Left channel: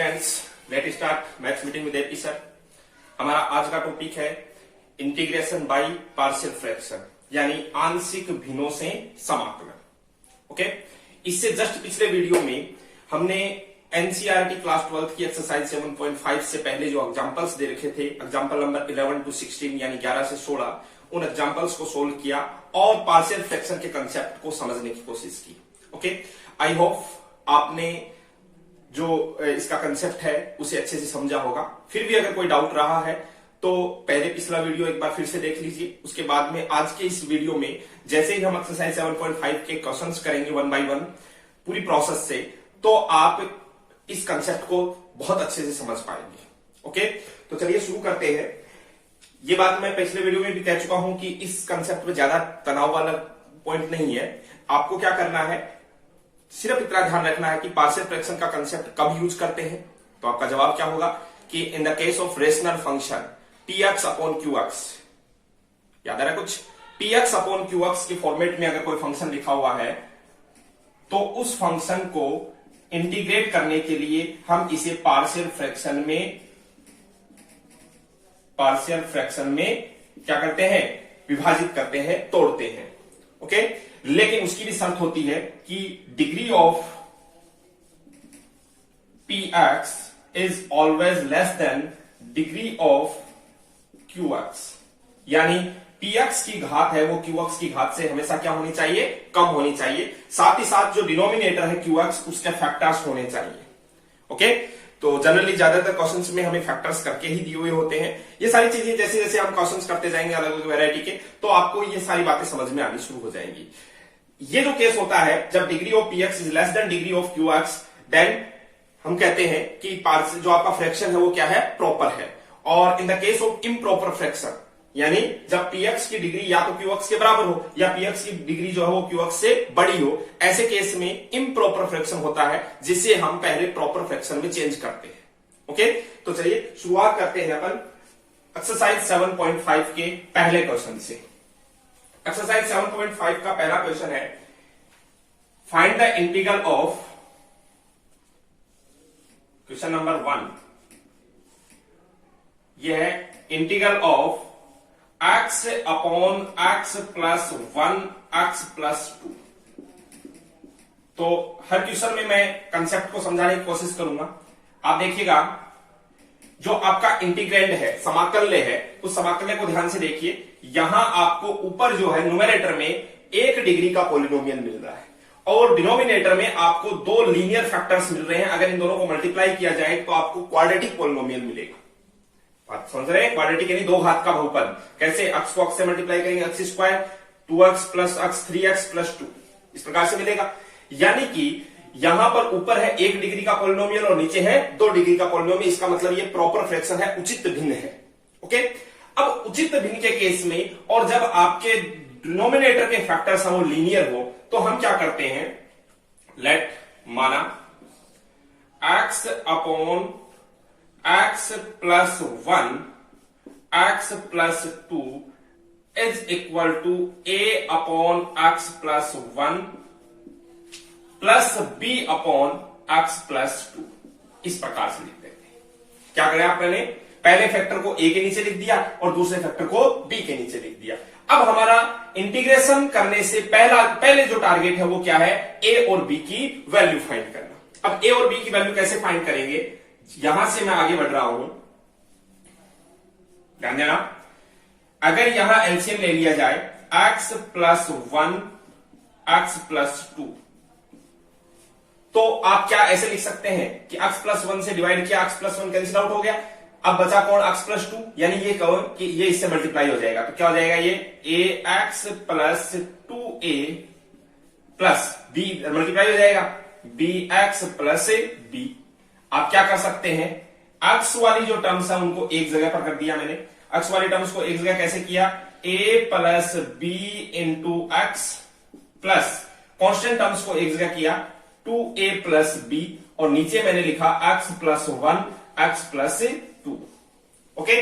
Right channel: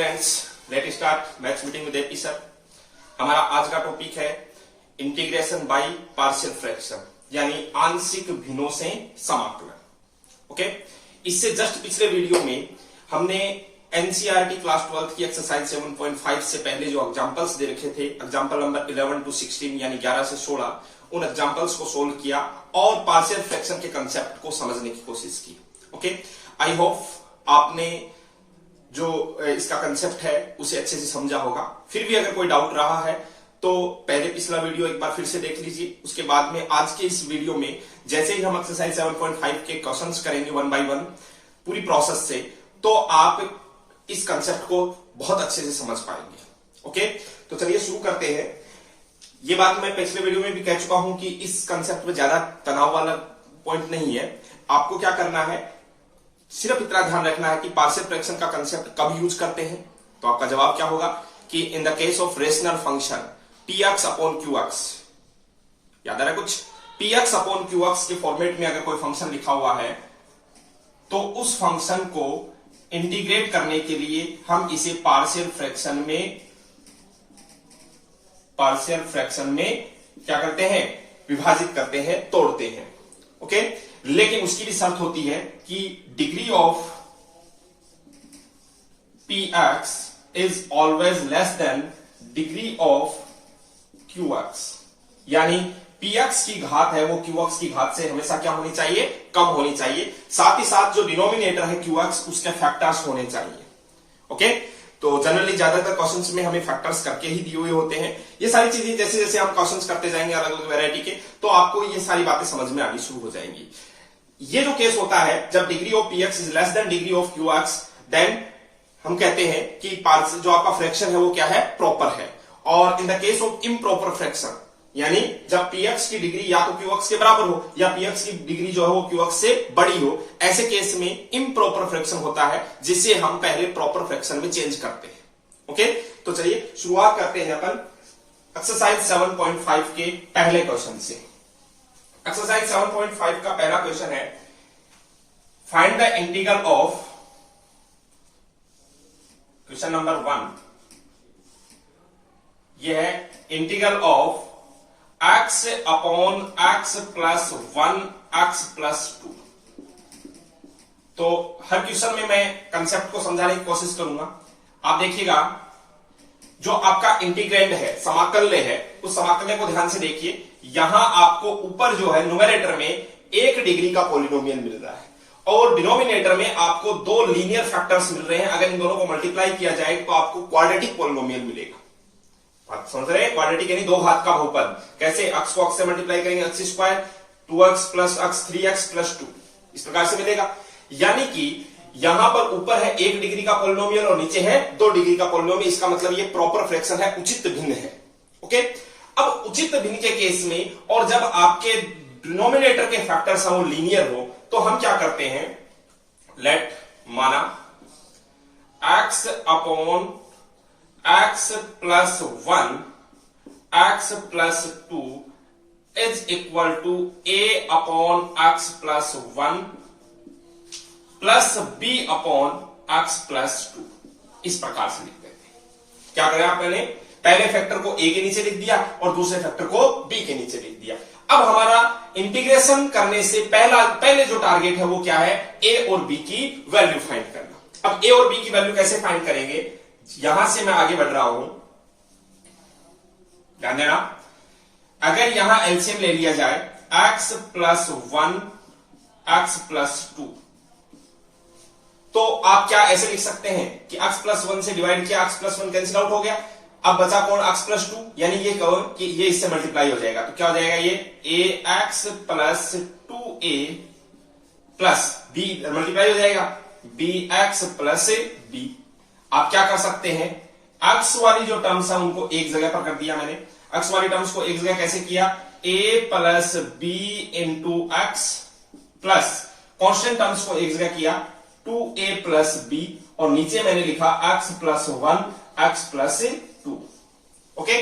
Students, let start maths meeting with AP sir. हमारा आज का टॉपिक है इंटीग्रेशन बाय पार्शियल फ्रैक्शन, यानी आंशिक भिन्नों से समाकलन। ओके, इससे जस्ट पिछले वीडियो में हमने एनसीईआरटी क्लास 12 की एक्सरसाइज 7.5 से पहले जो एग्जांपल्स दे रखे थे, एग्जांपल नंबर 11 to 16 यानी 11 से 16, उन एग्जांपल्स को सोल्व किया और पार्शियल फ्रैक्शन के कंसेप्ट को समझने की कोशिश की। ओके, आई होप आपने जो इसका कंसेप्ट है उसे अच्छे से समझा होगा। फिर भी अगर कोई डाउट रहा है तो पहले पिछला वीडियो एक बार फिर से देख लीजिए। उसके बाद में आज के इस वीडियो में जैसे ही हम एक्सरसाइज 7.5 के क्वेश्चंस करेंगे 1 by 1 पूरी प्रोसेस से, तो आप इस कंसेप्ट को बहुत अच्छे से समझ पाएंगे। ओके, तो चलिए शुरू करते हैं। ये बात मैं पिछले वीडियो में भी कह चुका हूं कि इस कंसेप्ट में ज्यादा तनाव वाला पॉइंट नहीं है। आपको क्या करना है, सिर्फ इतना ध्यान रखना है कि पार्शियल फ्रैक्शन का कंसेप्ट कब यूज करते हैं। तो आपका जवाब क्या होगा कि in the case of rational function tx upon qx, याद आ रहा है कुछ, tx अपॉन qx के फॉर्मेट में अगर कोई फंक्शन लिखा हुआ है तो उस फंक्शन को इंटीग्रेट करने के लिए हम इसे पार्शियल फ्रैक्शन में क्या करते हैं, विभाजित करते हैं, तोड़ते हैं। ओके, लेकिन उसकी भी शर्त होती है कि degree of px is always less than degree of qx, यानी px की घात है वो qx की घात से हमेशा क्या होनी चाहिए, कम होनी चाहिए। साथ ही साथ जो डिनोमिनेटर है qx उसके फैक्टर्स होने चाहिए। ओके, तो जनरली ज्यादातर क्वेश्चंस में हमें फैक्टर्स करके ही दिए हुए होते हैं। ये सारी चीजें जैसे जैसे हम क्वेश्चंस करते जाएंगे अलग अलग वैरायटी के, तो आपको ये सारी बातें समझ में आनी शुरू हो जाएंगी। ये जो केस होता है जब degree of px is less than degree of qx, then हम कहते हैं कि जो आपका फ्रैक्शन है वो क्या है, प्रॉपर है। और in the case of improper fraction, यानी जब px की डिग्री या तो qx के बराबर हो या px की डिग्री जो है वो qx से बड़ी हो, ऐसे केस में इम्प्रॉपर फ्रैक्शन होता है जिसे हम पहले प्रॉपर फ्रैक्शन में चेंज करते हैं। ओके, तो चलिए शुरुआत करते हैं अपन एक्सरसाइज 7.5 के पहले क्वेश्चन से। एक्सरसाइज 7.5 का पहला क्वेश्चन है, find the integral of, question number 1, यह है integral of x upon x plus 1 x plus 2। तो हर क्वेश्चन में मैं कंसेप्ट को समझाने की कोशिश करूंगा। आप देखिएगा जो आपका इंटीग्रैंड है, समाकल्य है, उस समाकल्य को ध्यान से देखिए। यहां आपको ऊपर जो है न्यूमेरेटर में 1 डिग्री का पॉलिनोमियल मिल रहा है और डिनोमिनेटर में आपको 2 लीनियर फैक्टर्स मिल रहे हैं। अगर इन दोनों को मल्टीप्लाई किया जाए तो आपको क्वाड्रेटिक पॉलिनोमियल मिलेगा। बात समझ रहे हैं, क्वाड्रेटिक यानी 2 घात का बहुपद। कैसे, x को x से मल्टीप्लाई करेंगे, x square 2x plus x 3x plus 2, इस प्रकार से मिलेगा। यानी कि यहां पर ऊपर है 1 डिग्री का पॉलिनोमियल और नीचे है 2 डिग्री का पॉलिनोमियल। इसका मतलब ये प्रॉपर फ्रैक्शन है, उचित भिन्न है। ओके, अब उचित भिन्न के केस में और जब आपके डिनोमिनेटर के फैक्टर्स वो लीनियर हो तो हम क्या करते हैं, लेट माना x upon x plus 1 x plus 2 is equal to a upon x plus 1 plus b upon x plus 2, इस प्रकार से लिखते हैं। क्या करें आप, पहले फैक्टर को a के नीचे लिख दिया और दूसरे फैक्टर को b के नीचे लिख दिया। अब हमारा इंटीग्रेशन करने से पहले जो टारगेट है वो क्या है, a और b की वैल्यू फाइंड करना। अब a और b की वैल्यू कैसे फाइंड करेंगे, यहां से मैं आगे बढ़ रहा हूं, ध्यान देना। अगर यहां एलसीएम ले लिया जाए x प्लस 1 x प्लस 2, तो आप क्या ऐसे लिख सकते हैं कि x प्लस 1 से डिवाइड किया, x प्लस 1 कैंसिल आउट हो गया। अब बचा कौन, x प्लस 2, यानी ये कहो कि ये इससे मल्टीप्लाई हो जाएगा। तो क्या हो जाएगा, ये ax plus 2a plus b multiply हो जाएगा bx प्लस b। आप क्या कर सकते हैं, x वाली जो टर्म्स है उनको एक जगह पर कर दिया मैंने। x वाली टर्म्स को एक जगह कैसे किया, a plus b into x plus constant terms को एक जगह किया 2a प्लस b और नीचे मैंने लिखा x plus 1 x plus 2। Okay,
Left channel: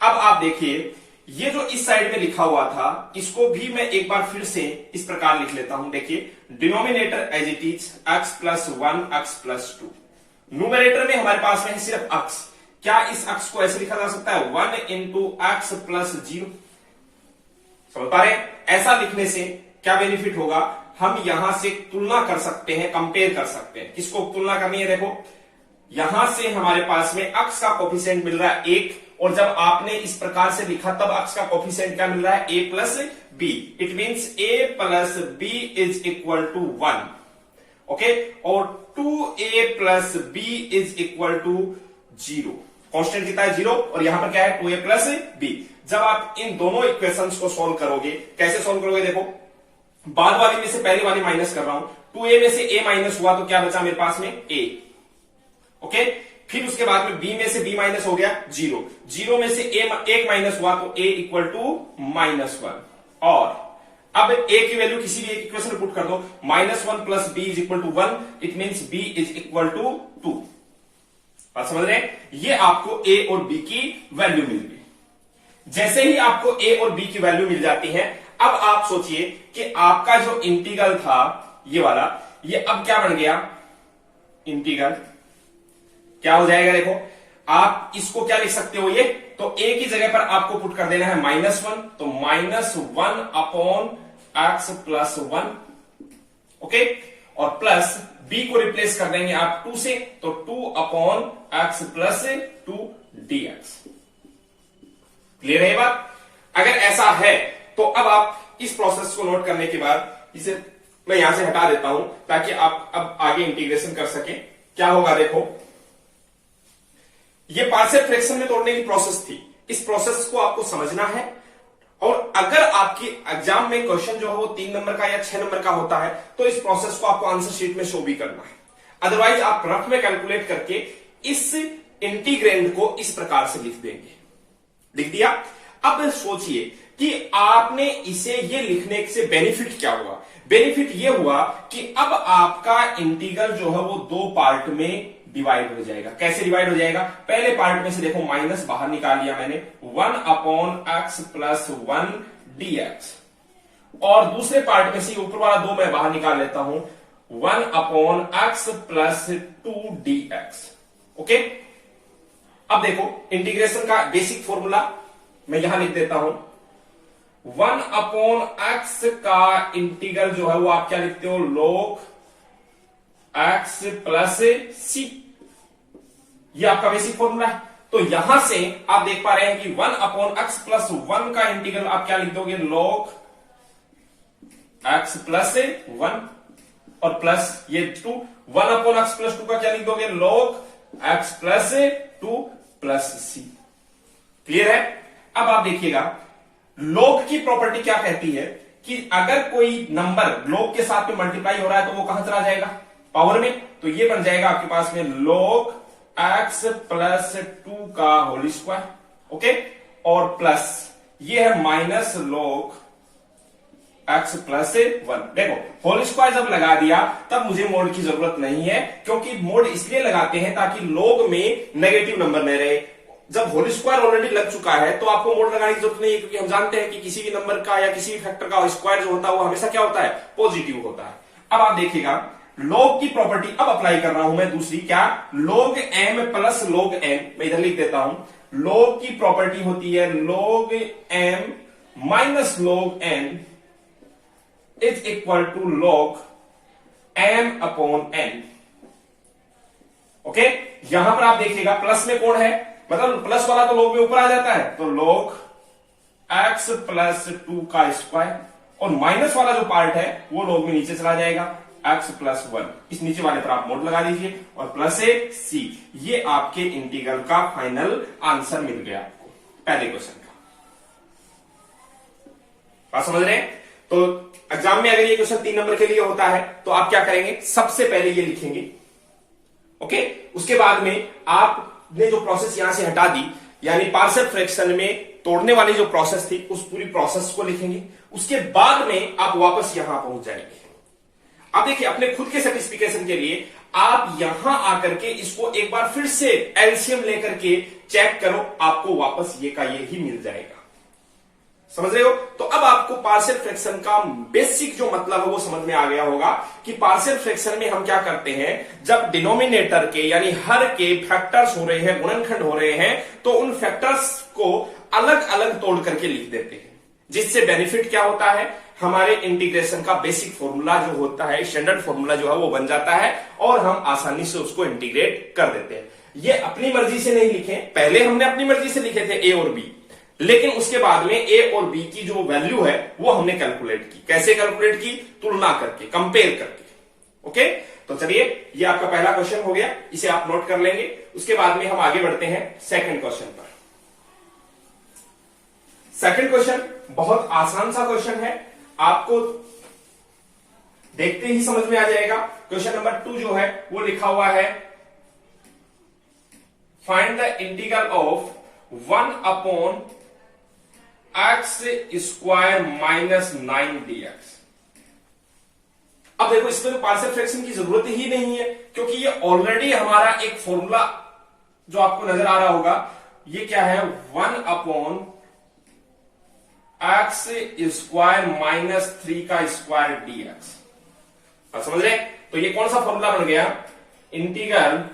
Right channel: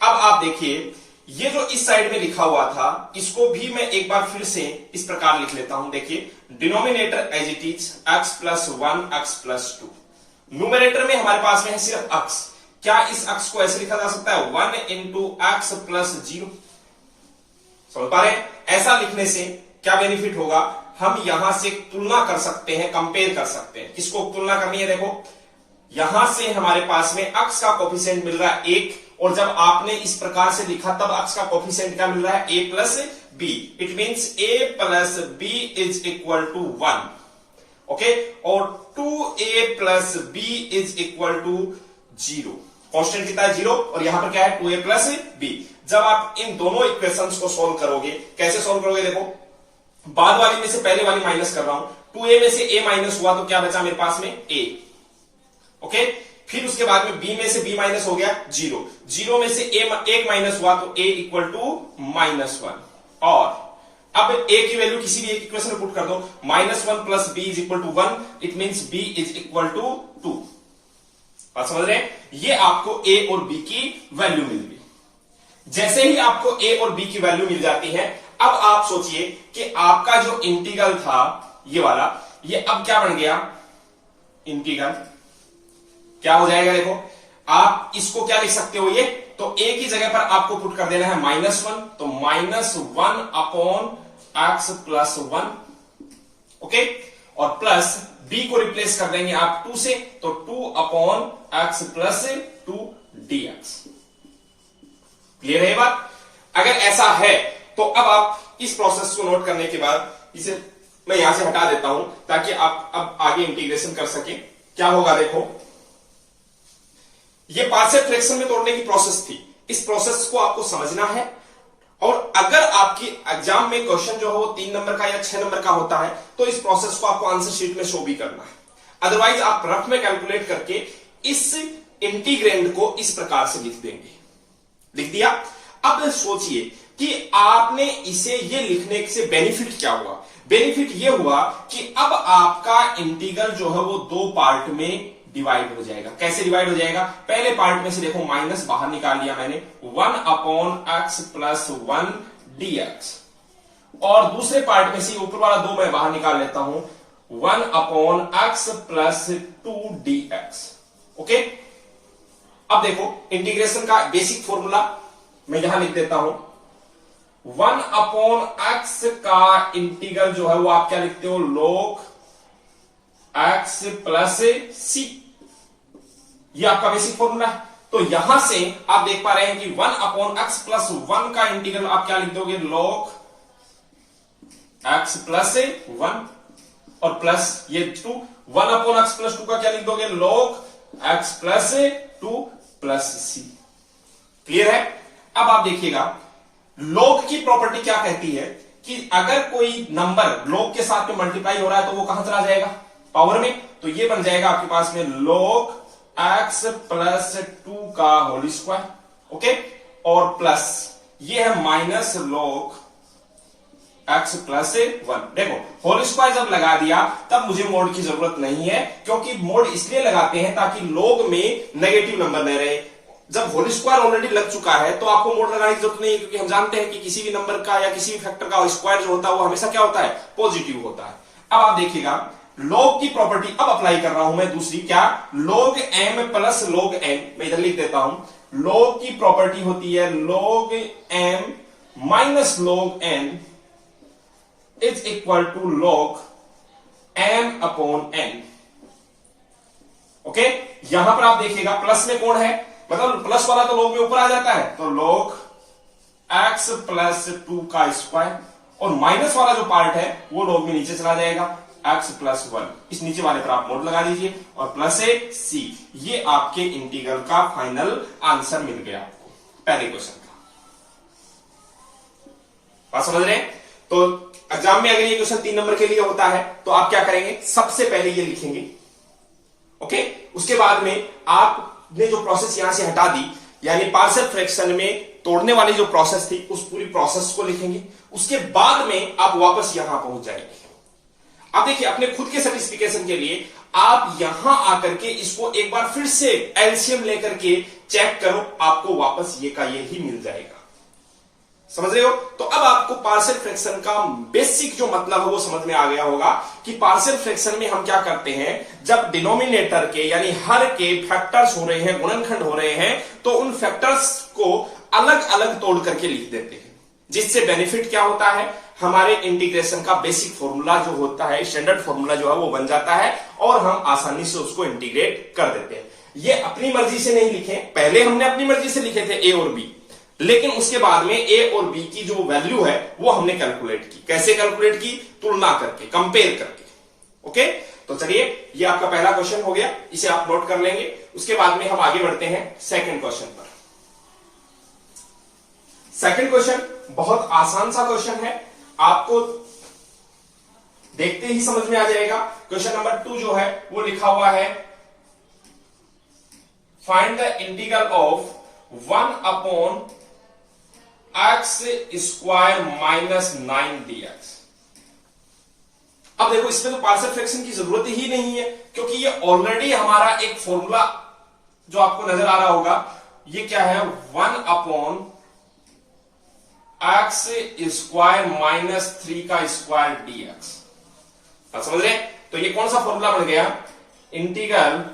अब आप देखिए ये जो इस साइड में लिखा हुआ था इसको भी मैं एक बार फिर से इस प्रकार लिख लेता हूं। देखिए denominator as it is x plus 1 x plus 2, numerator में हमारे पास में है सिर्फ अक्स, क्या इस अक्स को ऐसे लिखा जा सकता है 1 इंटू एक्स प्लस 0? समझ पा रहे हैं? ऐसा लिखने से क्या बेनिफिट होगा, हम यहां से तुलना कर सकते हैं, कंपेयर कर सकते हैं। किसको तुलना करनी है? देखो यहां से हमारे पास में अक्स का कोफिशिएंट मिल रहा है 1, और जब आपने इस प्रकार से लिखा तब अक्स का कोफिशिएंट क्या मिल रहा है? a plus b. It means a plus b is equal to 1, okay, और 2a plus b is equal to 0। Constant कितना है? 0, और यहां पर क्या है? 2a plus B. जब आप इन दोनों इक्वेशंस को सोल्व करोगे, कैसे सोल्व करोगे? देखो बाद वाली में से पहले वाली माइनस कर रहा हूं, 2a में से a माइनस हुआ तो क्या बचा मेरे पास में? a, okay. फिर उसके बाद में b में से b माइनस हो गया 0, 0 में से एक माइनस हुआ तो a इक्वल टू -1, और अब a की वैल्यू किसी भी एक इक्वेशन में पुट कर दो, -1 plus b is equal to 1, it means b is equal to 2। बात समझ रहे हैं? ये आपको a और b की वैल्यू मिल गई। जैसे ही आपको a और b की वैल्यू मिल जाती है, अब आप सोचिए कि आपका जो इंटीग्रल था ये वाला, ये अब क्या बन गया? इंटीग्रल क्या हो जाएगा? देखो आप इसको क्या लिख सकते हो, ये तो a की जगह पर आपको पुट कर देना है -1, तो -1 अपॉन x प्लस 1, ओके, और प्लस b को रिप्लेस कर देंगे आप 2 से, तो 2 upon x plus 2 dx। Clear है ये बात? अगर ऐसा है तो अब आप इस प्रोसेस को नोट करने के बाद इसे मैं यहां से हटा देता हूं ताकि आप अब आगे इंटीग्रेशन कर सके। क्या होगा? देखो ये पार्शियल फ्रैक्शन में तोड़ने की प्रोसेस थी, इस प्रोसेस को आपको समझना है, और अगर आपकी एग्जाम में क्वेश्चन जो है वो 3 नंबर का या 6 नंबर का होता है तो इस प्रोसेस को आपको आंसर शीट में शो भी करना है। अदरवाइज आप रफ में कैलकुलेट करके इस इंटीग्रेंड को इस प्रकार से लिख देंगे। लिख दिया? अब सोचिए कि आपने इसे ये लिखने से बेनिफिट क्या हुआ? बेनिफिट ये हुआ कि अब आपका इंटीग्रल जो है वो 2 पार्ट में डिवाइड हो जाएगा। कैसे डिवाइड हो जाएगा? पहले पार्ट में से देखो माइनस बाहर निकाल लिया मैंने, 1 अपॉन एक्स प्लस 1 dx, और दूसरे पार्ट में से ऊपर वाला 2 मैं बाहर निकाल लेता हूं, 1 upon x plus 2 dx, okay. अब देखो इंटीग्रेशन का बेसिक फॉर्मूला मैं यहां लिख देता हूं, 1 अपॉन एक्स का इंटीग्रल जो है वो आप क्या लिखते हो? log x प्लस c, ये आपका बेसिक फॉर्मूला है। तो यहां से आप देख पा रहे हैं कि 1 अपॉन एक्स प्लस 1 का इंटीग्रल आप क्या लिख दोगे? log x प्लस 1, और प्लस ये 2, 1 अपॉन एक्स प्लस 2 का क्या लिख दोगे? log x plus 2 plus c। Clear है? अब आप देखिएगा log की प्रॉपर्टी क्या कहती है कि अगर कोई नंबर log के साथ में मल्टीप्लाई हो रहा है तो वो कहां चला जाएगा? पावर में। तो ये बन जाएगा आपके पास में log x प्लस 2 का होल स्क्वायर, ओके, और प्लस ये है माइनस log x प्लस 1। देखो होल स्क्वायर जब लगा दिया तब मुझे मोड की जरूरत नहीं है, क्योंकि मोड इसलिए लगाते हैं ताकि log में नेगेटिव नंबर न रहे। जब होल स्क्वायर ऑलरेडी लग चुका है तो आपको मोड लगाने की जरूरत नहीं है, क्योंकि हम जानते हैं कि किसी भी नंबर का या किसी भी फैक्टर का स्क्वायर जो होता है वो हमेशा क्या होता है? पॉजिटिव होता है। अब आप देखिएगा log की प्रॉपर्टी अब अप्लाई कर रहा हूं मैं दूसरी, क्या? log m plus log n, मैं इधर लिख देता हूं, log की प्रॉपर्टी होती है log m minus log n is equal to log m upon n, okay. यहां पर आप देखिएगा प्लस में कौन है, मतलब प्लस वाला तो log में ऊपर आ जाता है, तो log x प्लस 2 का स्क्वायर, और माइनस वाला जो पार्ट है वो log में नीचे चला जाएगा, x प्लस 1। इस नीचे वाले पर आप मोड लगा दीजिए, और प्लस c। ये आपके इंटीग्रल का फाइनल आंसर मिल गया आपको पहले क्वेश्चन का। बात समझ रहे हैं? तो एग्जाम में अगर ये क्वेश्चन 3 नंबर के लिए होता है तो आप क्या करेंगे? सबसे पहले ये लिखेंगे, ओके। उसके बाद में आपने जो प्रोसेस यहां से हटा दी, यानी पार्शियल फ्रैक्शन में तोड़ने वाली जो प्रोसेस थी उस पूरी प्रोसेस को लिखेंगे। उसके बाद में आप वापस यहां पहुंच जाएंगे। आप देखिए अपने खुद के सेटिस्फिकेशन के लिए आप यहां आकर के इसको एक बार फिर से एलसीएम लेकर के चेक करो, आपको वापस ये का ये ही मिल जाएगा। समझ रहे हो? तो अब आपको पार्शियल फ्रैक्शन का बेसिक जो मतलब है वो समझ में आ गया होगा कि पार्शियल फ्रैक्शन में हम क्या करते हैं, जब डिनोमिनेटर के यानी हर के फैक्टर्स हो रहे हैं, गुणनखंड हो रहे हैं, तो उन फैक्टर्स को अलग अलग तोड़ करके लिख देते हैं, जिससे बेनिफिट क्या होता है, हमारे इंटीग्रेशन का बेसिक फॉर्मूला जो होता है, स्टैंडर्ड फॉर्मूला जो है वो बन जाता है और हम आसानी से उसको इंटीग्रेट कर देते हैं। ये अपनी मर्जी से नहीं लिखे, पहले हमने अपनी मर्जी से लिखे थे ए और बी, लेकिन उसके बाद में ए और बी की जो वैल्यू है वो हमने कैलकुलेट की। कैसे कैलकुलेट की? तुलना करके, कंपेयर करके। ओके, तो चलिए ये आपका पहला क्वेश्चन हो गया, इसे आप नोट कर लेंगे। उसके बाद में हम आगे बढ़ते हैं सेकंड क्वेश्चन पर। सेकंड क्वेश्चन बहुत आसान सा क्वेश्चन है, आपको देखते ही समझ में आ जाएगा। क्वेश्चन नंबर 2 जो है वो लिखा हुआ है, find the integral of 1 upon x square minus 9 dx। अब देखो इसमें तो पार्शियल फ्रैक्शन की जरूरत ही नहीं है, क्योंकि ये ऑलरेडी हमारा एक फॉर्मूला जो आपको नजर आ रहा होगा, ये क्या है, 1 अपॉन x स्क्वायर माइनस 3 का स्क्वायर dx। समझ रहे? तो ये कौन सा फॉर्मूला बन गया, integral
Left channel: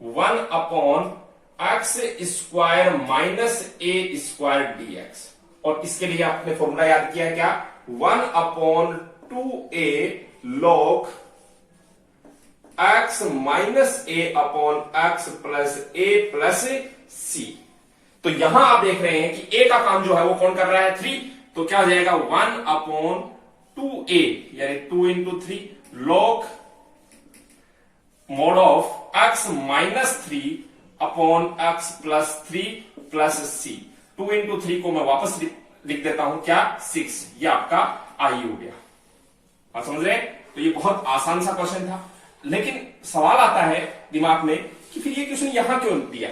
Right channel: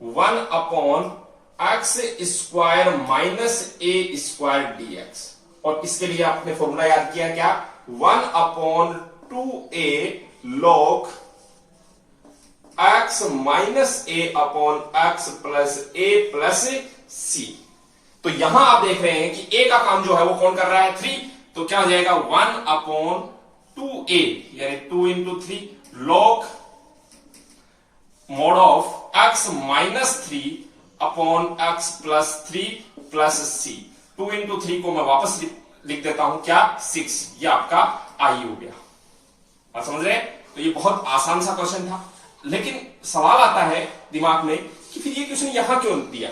1 upon x square minus A square dx। और इसके लिए आपने फॉर्मूला याद किया क्या, 1 upon 2a log x minus A upon x plus A plus सी। तो यहां आप देख रहे हैं कि a का काम जो है वो कौन कर रहा है, 3, तो क्या हो जाएगा 1 अपॉन 2a यानी 2 into 3 log mod of x minus 3 upon x plus 3 plus c. 2 into 3 को मैं वापस लिख देता हूं क्या, 6। ये आपका आई हो गया। आप समझ रहे हैं? तो ये बहुत आसान सा क्वेश्चन था, लेकिन सवाल आता है दिमाग में कि फिर ये क्वेश्चन यहां क्यों दिया।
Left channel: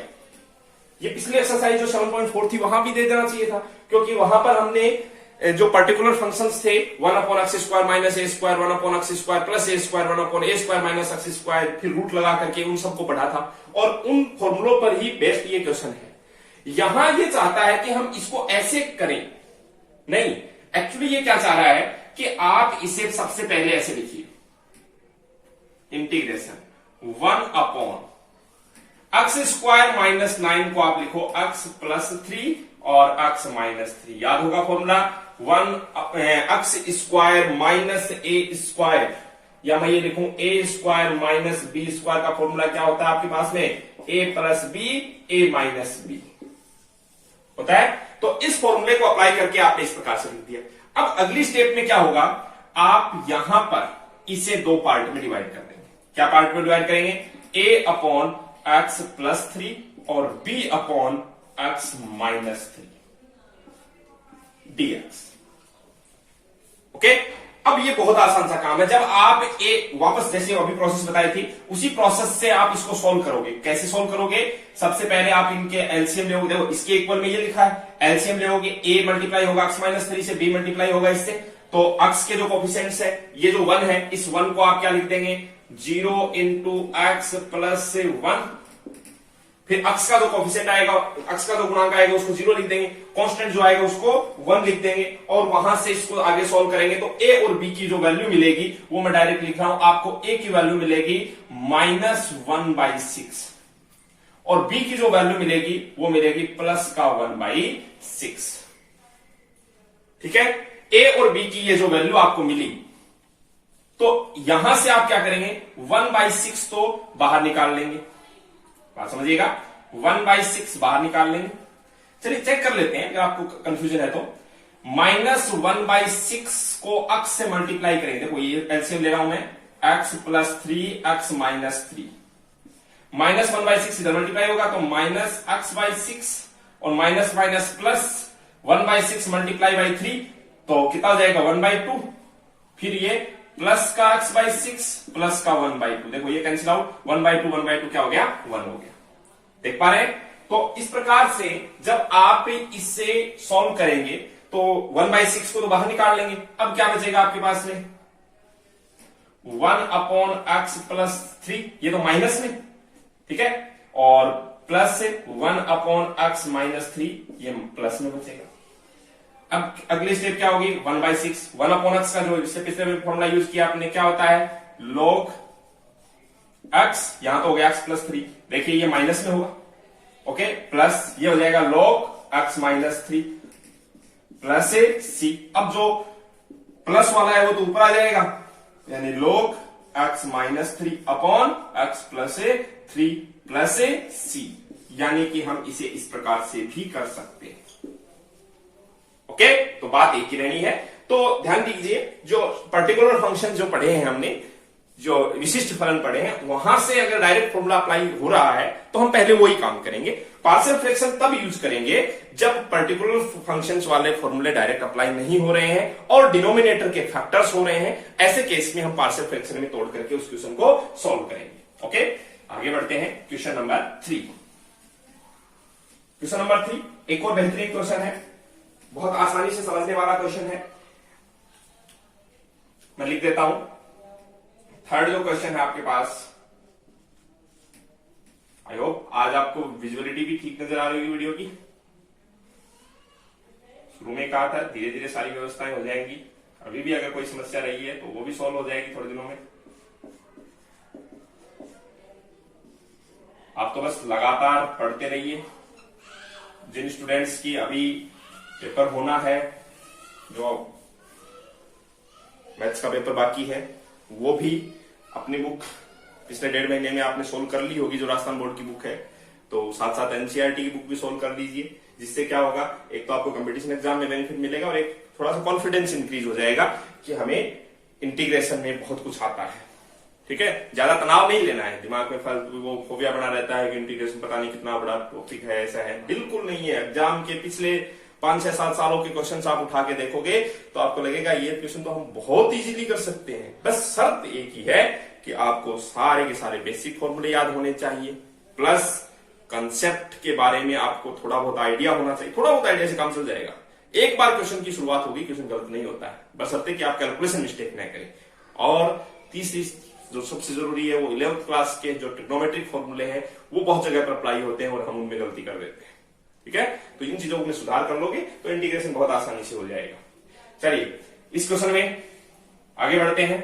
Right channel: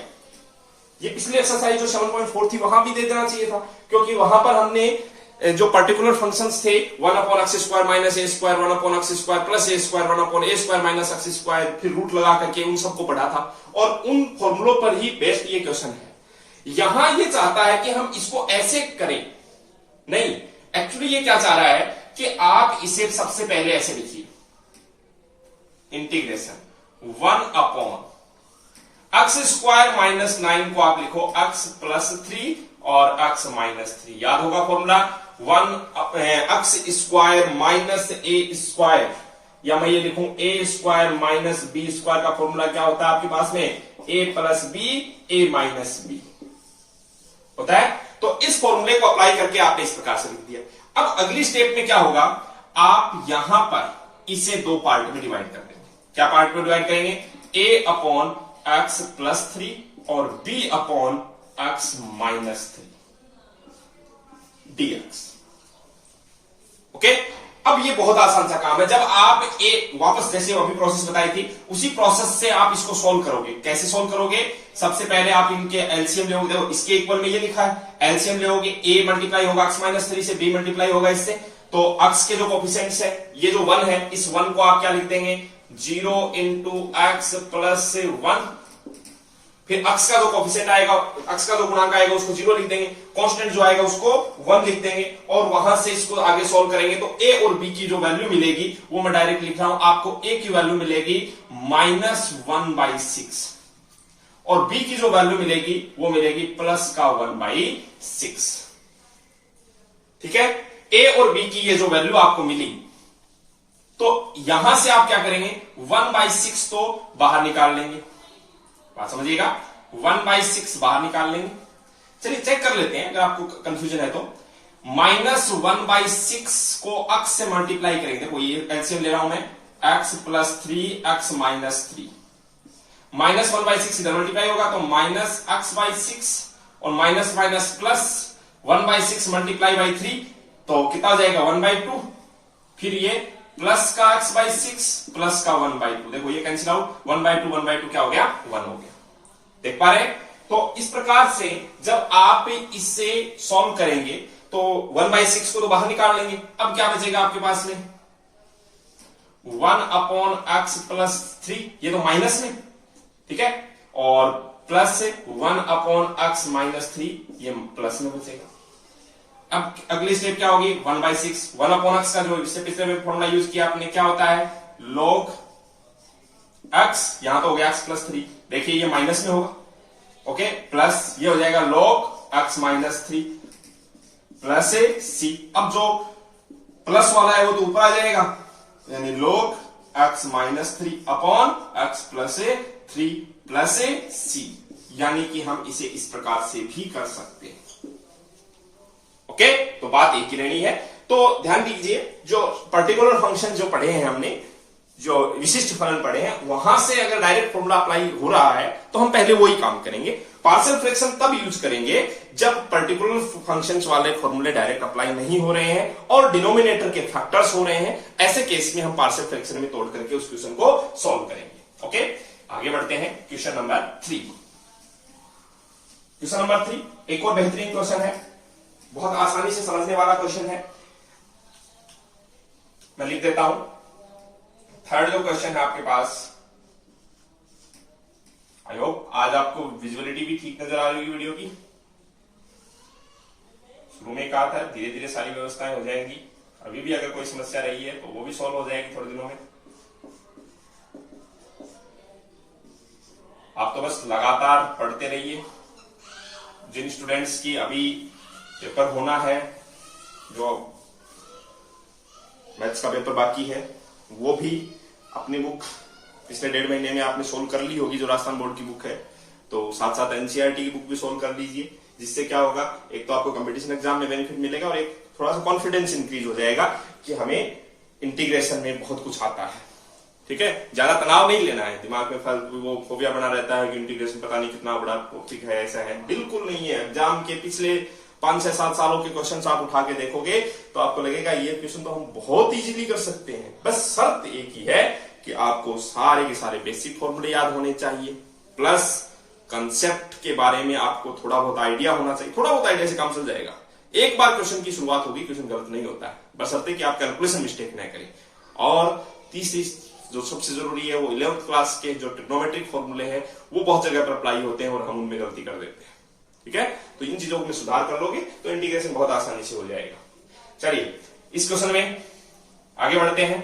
ये पिछले एक्सरसाइज जो 7.4 थी वहां भी दे देना चाहिए था, क्योंकि वहां पर हमने जो पर्टिकुलर फंक्शंस थे 1 upon x square minus A square, 1 upon x square plus A square, 1 upon A square minus X square, फिर रूट लगा करके उन सबको पढ़ा था, और उन फॉर्मूलों पर ही बेस्ड ये क्वेश्चन है। यहां ये चाहता है कि हम इसको ऐसे करें, नहीं, एक्चुअली ये क्या चाह रहा है कि आप इसे सबसे पहले ऐसे लिखिए, integration 1 upon x square minus 9 को आप लिखो x प्लस 3 और x माइनस 3। याद होगा formula, 1 x square minus A square, या मैं ये लिखूं ए स्क्वायर माइनस बी स्क्वायर का फॉर्मूला क्या होता है आपके पास में, ए प्लस बी ए माइनस बी होता है। तो इस फॉर्मूले को अप्लाई करके आपने इस प्रकार से लिख दिया। अब अगली स्टेप में क्या होगा, आप यहां पर इसे 2 पार्ट में डिवाइड कर देंगे। क्या पार्ट में डिवाइड करेंगे, a अपॉन एक्स प्लस 3 और b upon x minus 3 dx। Okay, अब ये बहुत आसान सा काम है। जब आप वापस जैसे अभी प्रोसेस बताई थी उसी प्रोसेस से आप इसको सॉल्व करोगे। कैसे सॉल्व करोगे, सबसे पहले आप इनके एलसीएम लोगे। देखो इसके इक्वल में ये लिखा है, एलसीएम लोगे, a मल्टीप्लाई होगा एक्स माइनस 3 से, b मल्टीप्लाई होगा इससे, तो x के जो कोफिशिएंट्स है, ये जो 1 है, इस 1 को आप क्या लिख देंगे, 0 इंटू एक्स प्लस 1, फिर x का जो कोफिशिएंट आएगा, x का जो गुणांक आएगा उसको 0 लिख देंगे, कांस्टेंट जो आएगा उसको 1 लिख देंगे, और वहां से इसको आगे सॉल्व करेंगे तो a और b की जो वैल्यू मिलेगी वो मैं डायरेक्ट लिख रहा हूं, आपको a की वैल्यू मिलेगी -1/6 और b की जो वैल्यू मिलेगी वो मिलेगी +1/6। ठीक है, a और b की ये जो वैल्यू आपको मिली, तो यहां से आप क्या करेंगे, 1/6 तो बाहर निकाल लेंगे। बात समझिएगा, 1/6 बाहर निकाल लेंगे। चलिए चेक कर लेते हैं, अगर आपको कंफ्यूजन है तो। -1/6 को x से मल्टीप्लाई करेंगे। देखो ये एलसीएम ले रहा हूं मैं, x प्लस 3 x माइनस 3, -1/6 इधर मल्टीप्लाई होगा तो -x/6 और minus minus plus 1/6 multiply by 3 तो कितना हो जाएगा 1/2, फिर ये प्लस का x/6 प्लस का 1/2, देखो ये कैंसिल आउट, 1/2 क्या हो गया, 1 हो गया। देख पा रहे हैं? तो इस प्रकार से जब आप इससे सॉल्व करेंगे तो 1/6 को तो बाहर निकाल लेंगे। अब क्या बचेगा आपके पास में, 1 अपॉन एक्स प्लस 3, ये तो माइनस में, ठीक है, और प्लस से 1 अपॉन एक्स माइनस 3, ये प्लस में बचेगा। अब अगली स्टेप क्या होगी, 1/6 1/x का जो इससे पिछले में फॉर्मूला यूज किया आपने क्या होता है, log x, यहां तो हो गया x+3, देखिए ये माइनस में होगा, ओके, प्लस ये हो जाएगा log x-3 प्लस c। अब जो प्लस वाला है वो तो ऊपर आ जाएगा, यानी log x-3 upon x+3 plus c, यानी कि हम इसे इस प्रकार से भी कर सकते हैं। ओके, तो बात एक ही रहनी है। तो ध्यान दीजिए, जो पर्टिकुलर फंक्शन जो पढ़े हैं हमने, जो विशिष्ट फलन पढ़े हैं, वहां से अगर डायरेक्ट फॉर्मूला अप्लाई हो रहा है तो हम पहले वही काम करेंगे। पार्शियल फ्रैक्शन तब यूज करेंगे जब पर्टिकुलर फंक्शंस वाले फॉर्मूले डायरेक्ट अप्लाई नहीं हो रहे हैं और डिनोमिनेटर के फैक्टर्स हो रहे हैं। ऐसे केस में हम पार्शियल फ्रैक्शन में तोड़ करके उस क्वेश्चन को सॉल्व करेंगे। ओके, आगे बढ़ते हैं क्वेश्चन नंबर 3। क्वेश्चन नंबर 3 एक और बेहतरीन क्वेश्चन है, बहुत आसानी से समझने वाला क्वेश्चन है। मैं लिख देता हूं, थर्ड जो क्वेश्चन है आपके पास। आई होप आज आपको विजुअलिटी भी ठीक नजर आ रही होगी वीडियो की। शुरू में कहा था धीरे धीरे सारी व्यवस्थाएं हो जाएंगी, अभी भी अगर कोई समस्या रही है तो वो भी सॉल्व हो जाएगी थोड़े दिनों में। आप तो बस लगातार पढ़ते रहिए। जिन स्टूडेंट्स की अभी पेपर होना है, जो मैथ्स का पेपर बाकी है, वो भी अपनी बुक पिछले 1.5 महीने में आपने सोल्व कर ली होगी, जो राजस्थान बोर्ड की बुक है, तो साथ साथ एनसीईआरटी की बुक भी सोल्व कर लीजिए। जिससे क्या होगा, एक तो आपको कंपटीशन एग्जाम में बेनिफिट मिलेगा और एक थोड़ा सा कॉन्फिडेंस इंक्रीज हो जाएगा कि हमें इंटीग्रेशन में बहुत कुछ आता है। ठीक है, ज्यादा तनाव नहीं लेना है, दिमाग में फालतू वो फोबिया बना रहता है कि इंटीग्रेशन पता नहीं कितना बड़ा टॉपिक है, ऐसा है, बिल्कुल नहीं है। एग्जाम के पिछले 5 से 7 सालों के क्वेश्चन आप उठा के देखोगे तो आपको लगेगा ये क्वेश्चन तो हम बहुत इजीली कर सकते हैं। बस शर्त एक ही है कि आपको सारे के सारे बेसिक फॉर्मूले याद होने चाहिए, प्लस कंसेप्ट के बारे में आपको थोड़ा बहुत आइडिया होना चाहिए। थोड़ा बहुत आइडिया से काम चल जाएगा। एक बार क्वेश्चन की शुरुआत होगी, क्वेश्चन गलत नहीं होता है, बशर्ते कि आप कैलकुलेशन मिस्टेक न करें। और तीसरी जो सबसे जरूरी है, वो 11th क्लास के जो ट्रिग्नोमेट्रिक फॉर्मूले हैं वो बहुत जगह पर अप्लाई होते हैं और हम उनमें गलती कर देते हैं। ठीक है, तो इन चीजों में सुधार कर लोगे तो इंटीग्रेशन बहुत आसानी से हो जाएगा। चलिए इस क्वेश्चन में आगे बढ़ते हैं।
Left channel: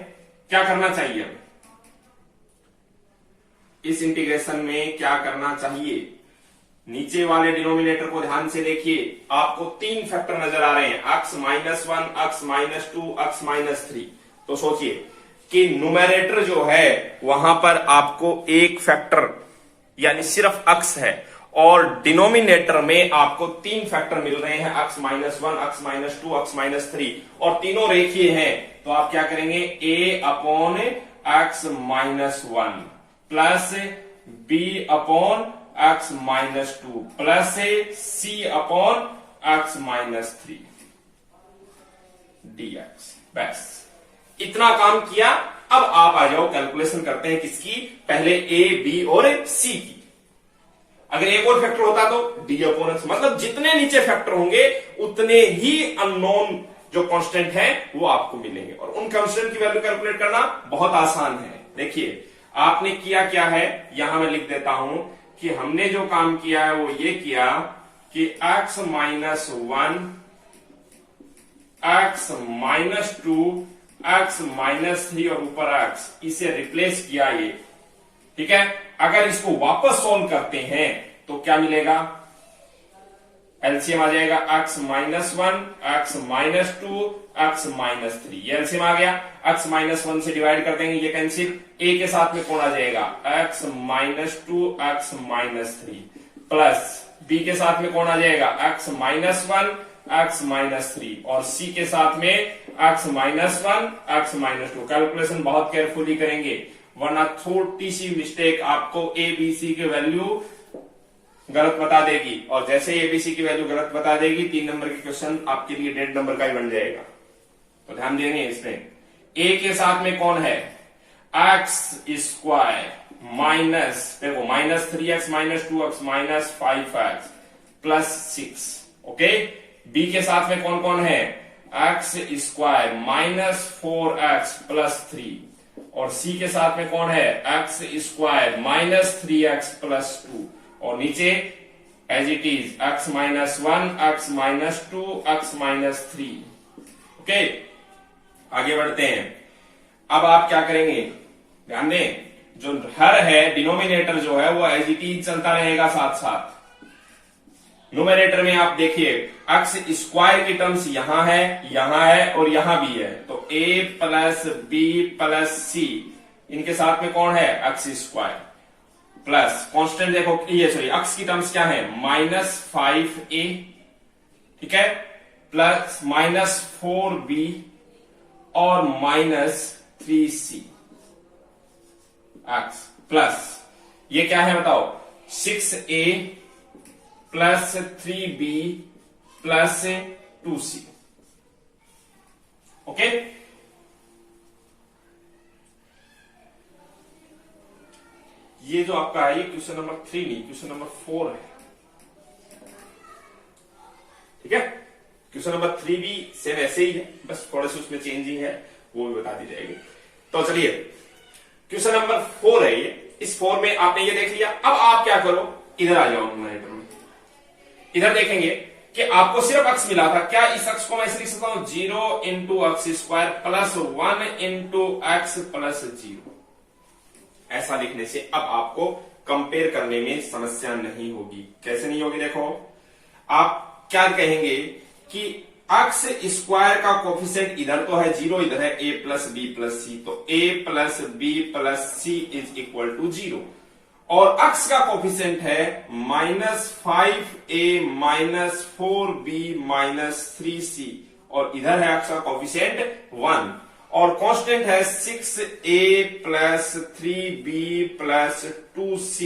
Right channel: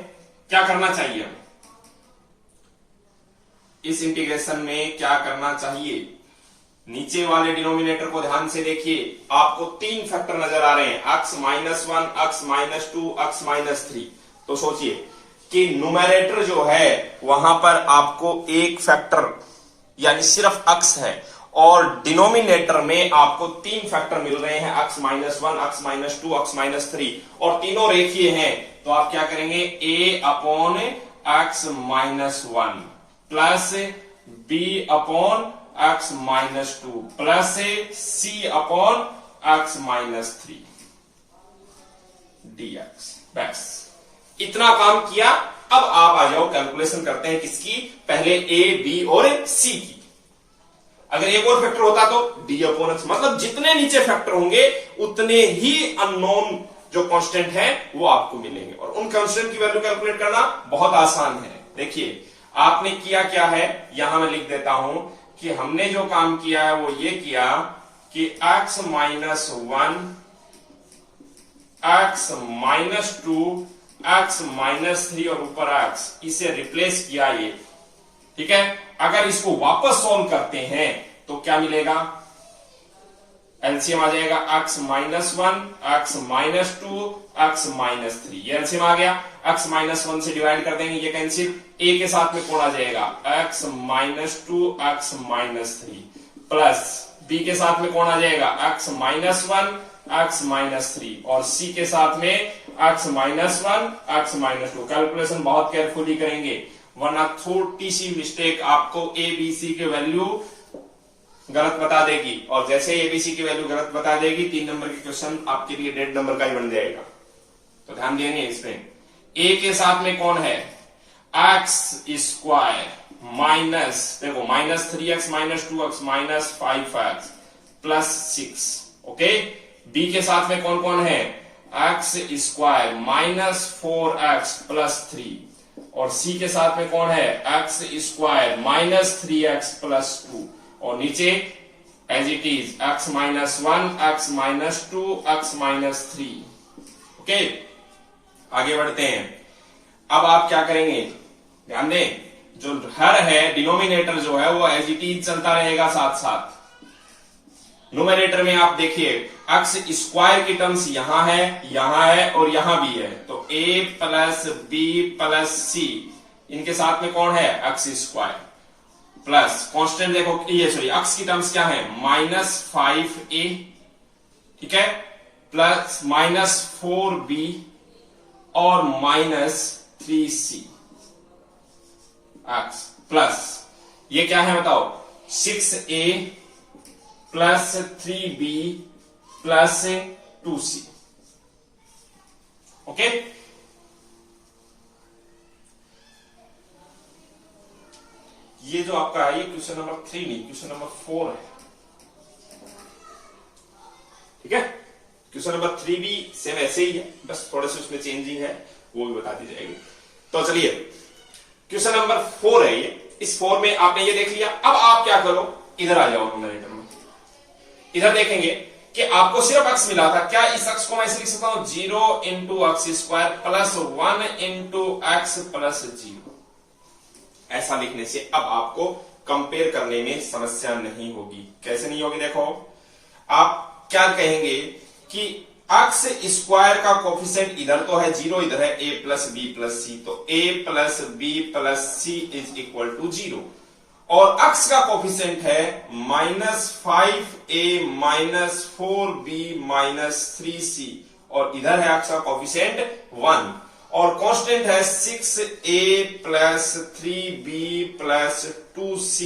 क्या करना चाहिए हमें इस इंटीग्रेशन में, क्या करना चाहिए? नीचे वाले डिनोमिनेटर को ध्यान से देखिए, आपको 3 फैक्टर नजर आ रहे हैं, x-1, x-2, x-3। तो सोचिए कि न्यूमरेटर जो है वहां पर आपको एक फैक्टर यानी सिर्फ x है और डिनोमिनेटर में आपको 3 फैक्टर मिल रहे हैं, x-1, x-2, x-3, और तीनों रेखीय हैं। तो आप क्या करेंगे, a upon x-1 plus b upon x-2 plus c upon x-3 dx। बस इतना काम किया। अब आप आ जाओ, कैलकुलेशन करते हैं किसकी, पहले a, b और c की। अगर एक और फैक्टर होता तो d अपॉन x, मतलब जितने नीचे फैक्टर होंगे उतने ही अननोन जो कांस्टेंट है वो आपको मिलेंगे, और उन कांस्टेंट की वैल्यू कैलकुलेट करना बहुत आसान है। देखिए आपने किया क्या है, यहां मैं लिख देता हूं कि हमने जो काम किया है वो ये किया कि x-1, x-2, x-3 और ऊपर x, इसे रिप्लेस किया ये। ठीक है, अगर इसको वापस सॉल्व करते हैं तो क्या मिलेगा, एलसीएम आ जाएगा x-1, x-2, x-3, ये एलसीएम आ गया। x-1 से डिवाइड कर देंगे, ये कैंसिल, a के साथ में कौन आ जाएगा, x-2, x-3 प्लस b के साथ में कौन आ जाएगा, x-1, x-3 और c के साथ में x-1, x-2। कैलकुलेशन बहुत केयरफुली करेंगे वरना छोटी सी मिस्टेक आपको a b c की वैल्यू गलत बता देगी, और जैसे एबीसी की वैल्यू गलत बता देगी 3 नंबर के क्वेश्चन आपके लिए 1.5 नंबर का ही बन जाएगा। तो ध्यान देंगे इसमें। a के साथ में कौन है, x² माइनस, देखो -3x, -2x, -5x plus 6। Okay, b के साथ में कौन कौन है, x² -4x प्लस 3, और c के साथ में कौन है, x² -3x प्लस 2, और नीचे as it is x minus 1, x minus 2, x minus 3। Okay, आगे बढ़ते हैं। अब आप क्या करेंगे, ध्यान दें, जो हर है डिनोमिनेटर जो है वो एज इट इज चलता रहेगा साथ साथ। न्यूमरेटर में आप देखिए एक्स स्क्वायर की टर्म्स यहां है और यहां भी है, तो a प्लस बी प्लस सी, इनके साथ में कौन है, एक्स स्क्वायर प्लस कांस्टेंट, देखो ये सॉरी एक्स की टर्म्स क्या है, -5a, ठीक है, प्लस -4b और -3c एक्स प्लस ये क्या है बताओ, 6a plus 3b plus 2c। Okay, ये जो आपका है ये क्वेश्चन नंबर 3 नहीं, क्वेश्चन नंबर 4 है, ठीक है। क्वेश्चन नंबर 3 भी सेम ऐसे ही है, बस थोड़े से उसमें चेंजिंग है, वो भी बता दी जाएगी। तो चलिए क्वेश्चन नंबर 4 है ये, इस 4 में आपने ये देख लिया। अब आप क्या करो, इधर आ जाओ न्यूमरेटर में, इधर देखेंगे कि आपको सिर्फ x मिला था, क्या इस x को मैं ऐसे लिख सकता हूं, 0 into x square plus 1 into x plus 0। ऐसा लिखने से अब आपको कंपेयर करने में समस्या नहीं होगी। कैसे नहीं होगी, देखो आप क्या कहेंगे कि एक्स स्क्वायर का कोफिशिएंट इधर तो है 0, इधर है a प्लस बी प्लस सी, तो a plus b plus C is equal to 0, और x का कोफिशिएंट है -5a minus 4b minus 3c, और इधर है x का कोफिशिएंट 1, और कांस्टेंट है 6a plus 3b plus 2c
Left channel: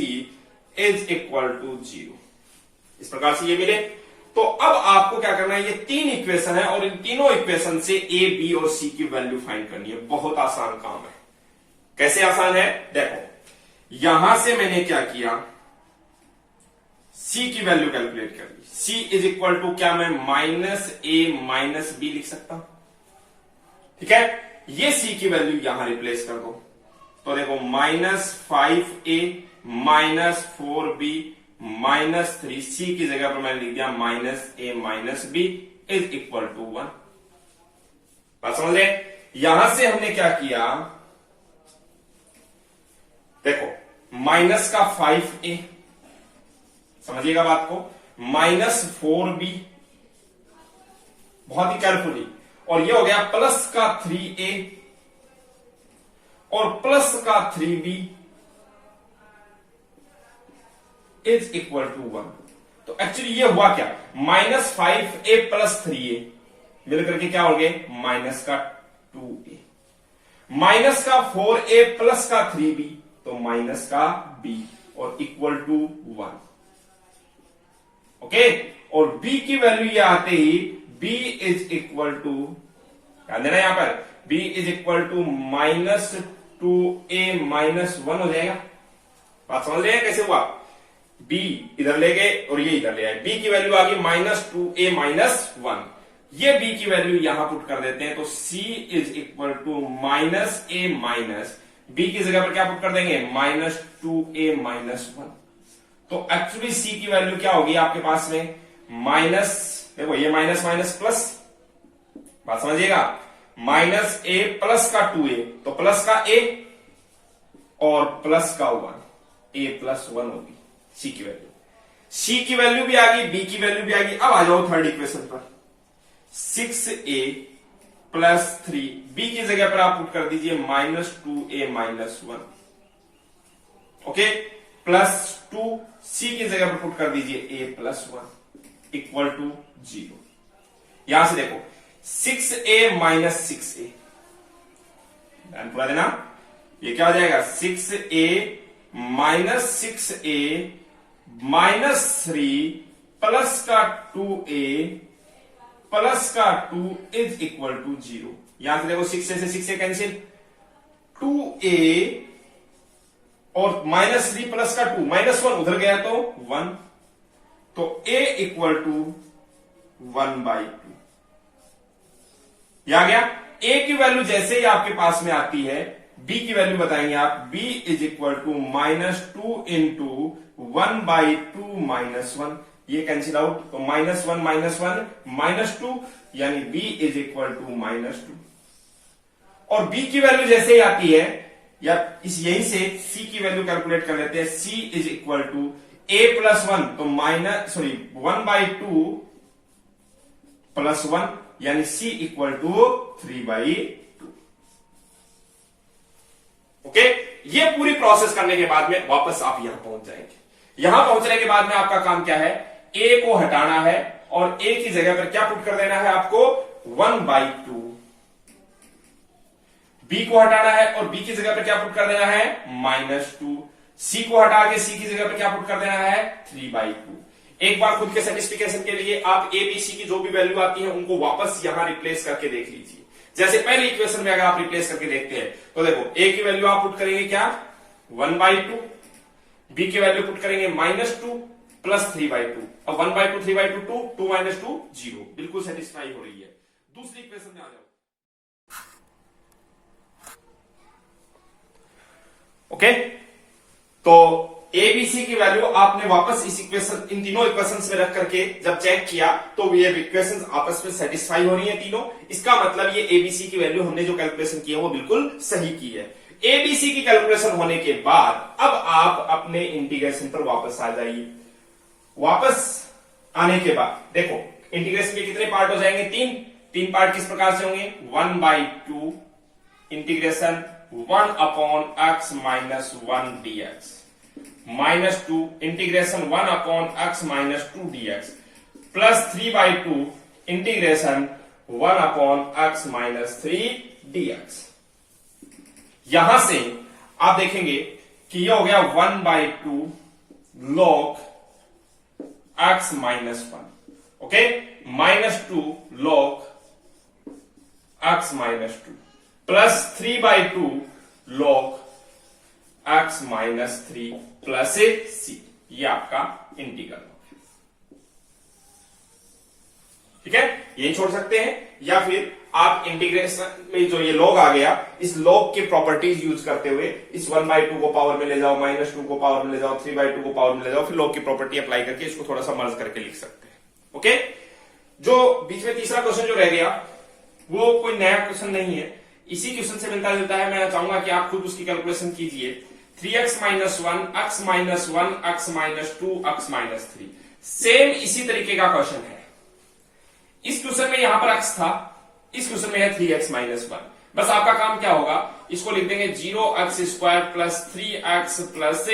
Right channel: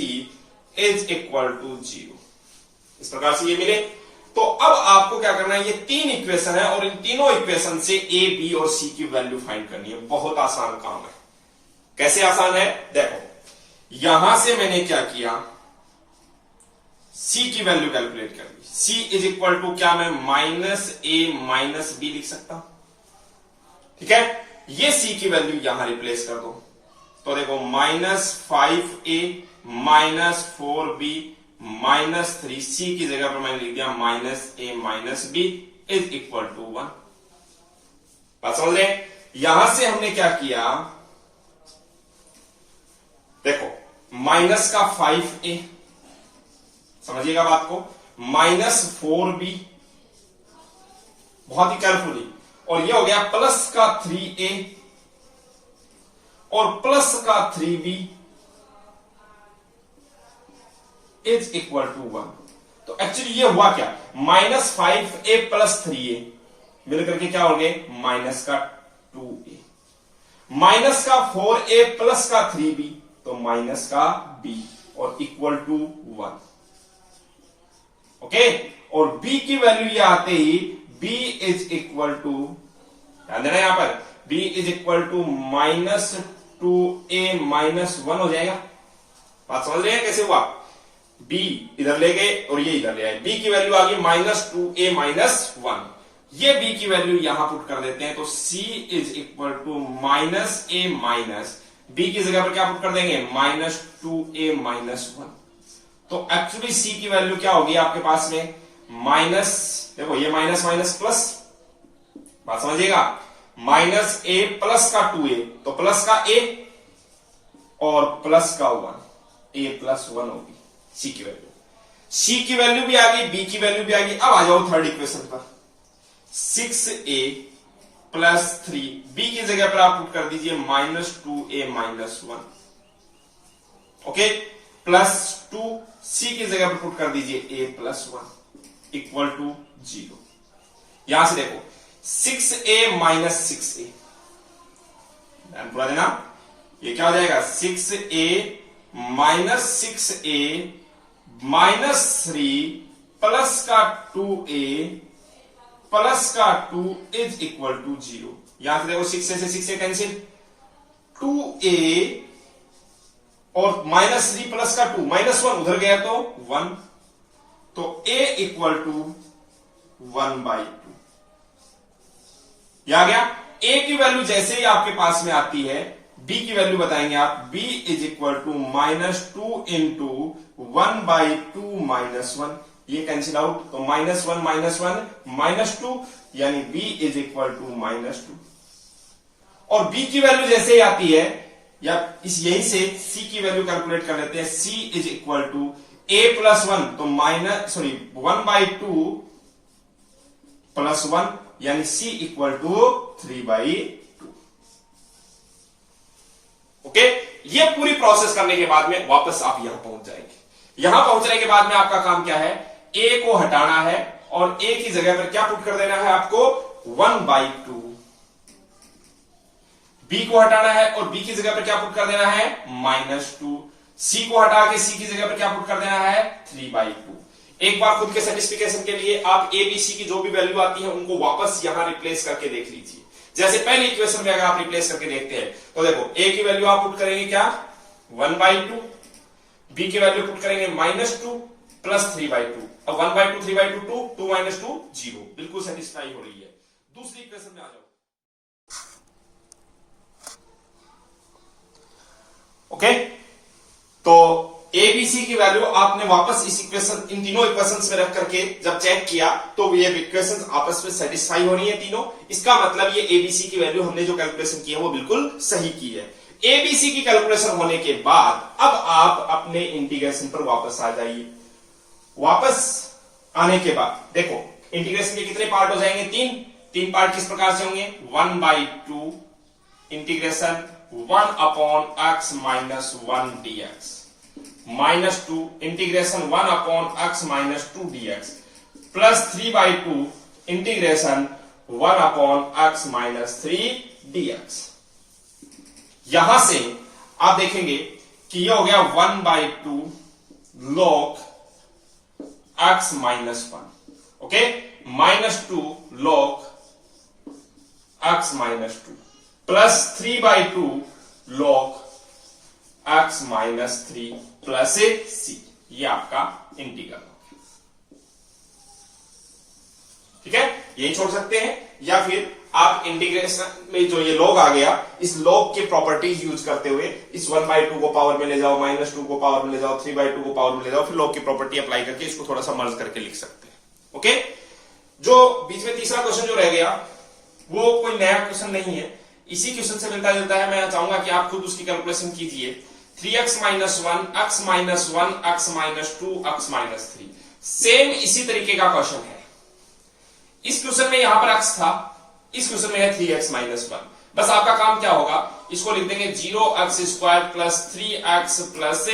is equal to 0। इस प्रकार से ये मिले। तो अब आपको क्या करना है, ये 3 इक्वेशन है और इन तीनों इक्वेशन से a, b और c की वैल्यू फाइंड करनी है। बहुत आसान काम है। कैसे आसान है, देखो यहां से मैंने क्या किया, c की वैल्यू कैलकुलेट कर दी। c इज इक्वल टू क्या, मैं -a माइनस b लिख सकता हूं, ठीक है। ये c की वैल्यू यहां रिप्लेस कर दो, तो देखो -5a minus 4b minus 3c की जगह पर मैंने लिख दिया -a minus b is equal to 1। बात समझ रहे हैं। यहां से हमने क्या किया, देखो माइनस का 5a, समझिएगा बात को, -4b, बहुत ही केयरफुली, और ये हो गया प्लस का 3a और प्लस का 3b इज इक्वल टू 1। तो एक्चुअली ये हुआ क्या, -5a प्लस 3a मिलकर के क्या हो गए, माइनस का 2a, माइनस का 4a प्लस का 3b, तो माइनस का b, और इक्वल टू 1। ओके, और b की वैल्यू ये आते ही b इज इक्वल टू, ध्यान देना यहां पर, b is equal to -2a minus 1 हो जाएगा। बात समझ रहे हैं कैसे हुआ, b इधर ले गए और ये इधर ले आए, b की वैल्यू आ गई -2a माइनस 1, ये b की वैल्यू यहां पुट कर देते हैं, तो c is equal to -a minus, b की जगह पर क्या पुट कर देंगे, -2a माइनस 1। तो एक्चुअली c की वैल्यू क्या होगी आपके पास में, माइनस, देखो ये माइनस माइनस प्लस, बात समझिएगा, -a प्लस का 2a, तो प्लस का a और प्लस का 1, a प्लस 1 होगी c की वैल्यू। c की वैल्यू भी आ गई, b की वैल्यू भी आ गई। अब आ जाओ थर्ड इक्वेशन पर, 6a प्लस 3, b की जगह पर आप पुट कर दीजिए -2a minus 1, okay, plus 2, c की जगह पर पुट कर दीजिए a प्लस 1 इक्वल टू 0। यहां से देखो 6a माइनस 6a, ध्यान पूरा देना, ये क्या हो जाएगा, 6a minus 6a minus 3 plus का 2a प्लस का 2 इज इक्वल टू 0। यहां से देखो 6 से 6 कैंसिल, 2a और -3 प्लस का 2, -1 उधर गया तो 1, तो a इक्वल टू 1/2। यह आ गया। a की वैल्यू जैसे ही आपके पास में आती है, b की वैल्यू बताएंगे आप, b is equal to -2 into 1/2 -1, ये कैंसिल आउट, तो -1 -2, यानी b इज इक्वल टू -2। और b की वैल्यू जैसे ही आती है, या इस यहीं से c की वैल्यू कैलकुलेट कर लेते हैं। c is equal to a+1, तो 1/2 +1, यानी c इक्वल टू 3/2। ओके, ये पूरी प्रोसेस करने के बाद में वापस आप यहां पहुंच जाएंगे। यहां पहुंचने के बाद में आपका काम क्या है, a को हटाना है और a की जगह पर क्या पुट कर देना है आपको, 1/2। b को हटाना है और b की जगह पर क्या पुट कर देना है, -2। c को हटा के c की जगह पर क्या पुट कर देना है, 3/2। एक बार खुद के सेटिस्फिकेशन के लिए आप a b c की जो भी वैल्यू आती है उनको वापस यहां रिप्लेस करके देख लीजिए। जैसे पहली इक्वेशन में अगर आप रिप्लेस करके देखते हैं तो देखो a की वैल्यू आप पुट करेंगे क्या, 1/2, b की वैल्यू पुट करेंगे -2 प्लस 3/2। अब 1/2 3/2 2, 2 - 2 0, बिल्कुल सेटिस्फाई हो रही है। दूसरी इक्वेशन में आ जाओ। ओके, तो ए बी सी की वैल्यू आपने वापस इस इक्वेशन, इन तीनों इक्वेशंस में रख करके जब चेक किया तो ये इक्वेशंस आपस में सेटिस्फाई हो रही है तीनों। इसका मतलब ये एबीसी की वैल्यू हमने जो कैलकुलेशन की है वो बिल्कुल सही की है। एबीसी की कैलकुलेशन होने के बाद अब आप अपने इंटीग्रेशन पर वापस आ जाइए। वापस आने के बाद देखो इंटीग्रेशन के कितने पार्ट हो जाएंगे, तीन पार्ट किस प्रकार से होंगे, 1/2 integration 1/x - 1 dx, -2 integration 1/x - 2 dx, plus 3/2 integration 1/x - 3 dx। यहां से आप देखेंगे कि यह हो गया 1/2 log x - 1, okay, -2 log x - 2 plus 3/2 log x - 3 plus c, ये आपका इंटीग्रल हो गया। ठीक है, यही छोड़ सकते हैं, या फिर आप इंटीग्रेशन में जो ये log आ गया, इस log के प्रॉपर्टीज यूज करते हुए इस 1/2 को पावर में ले जाओ, -2 को पावर में ले जाओ, 3/2 को पावर में ले जाओ, फिर log की प्रॉपर्टी अप्लाई करके इसको थोड़ा सा मर्ज करके लिख सकते हैं। ओके, जो बीच में तीसरा क्वेश्चन जो रह गया वो कोई नया क्वेश्चन नहीं है, इसी क्वेश्चन से मिलता जुलता है। मैं चाहूंगा कि आप खुद उसकी कैलकुलेशन कीजिए। 3x - 1 x - 1 x - 2 x - 3, same इसी तरीके का क्वेश्चन है। इस क्वेश्चन में यहां पर x था, इस क्वेश्चन में है 3x - 1। बस आपका काम क्या होगा, इसको लिख देंगे 0x² प्लस 3x प्लस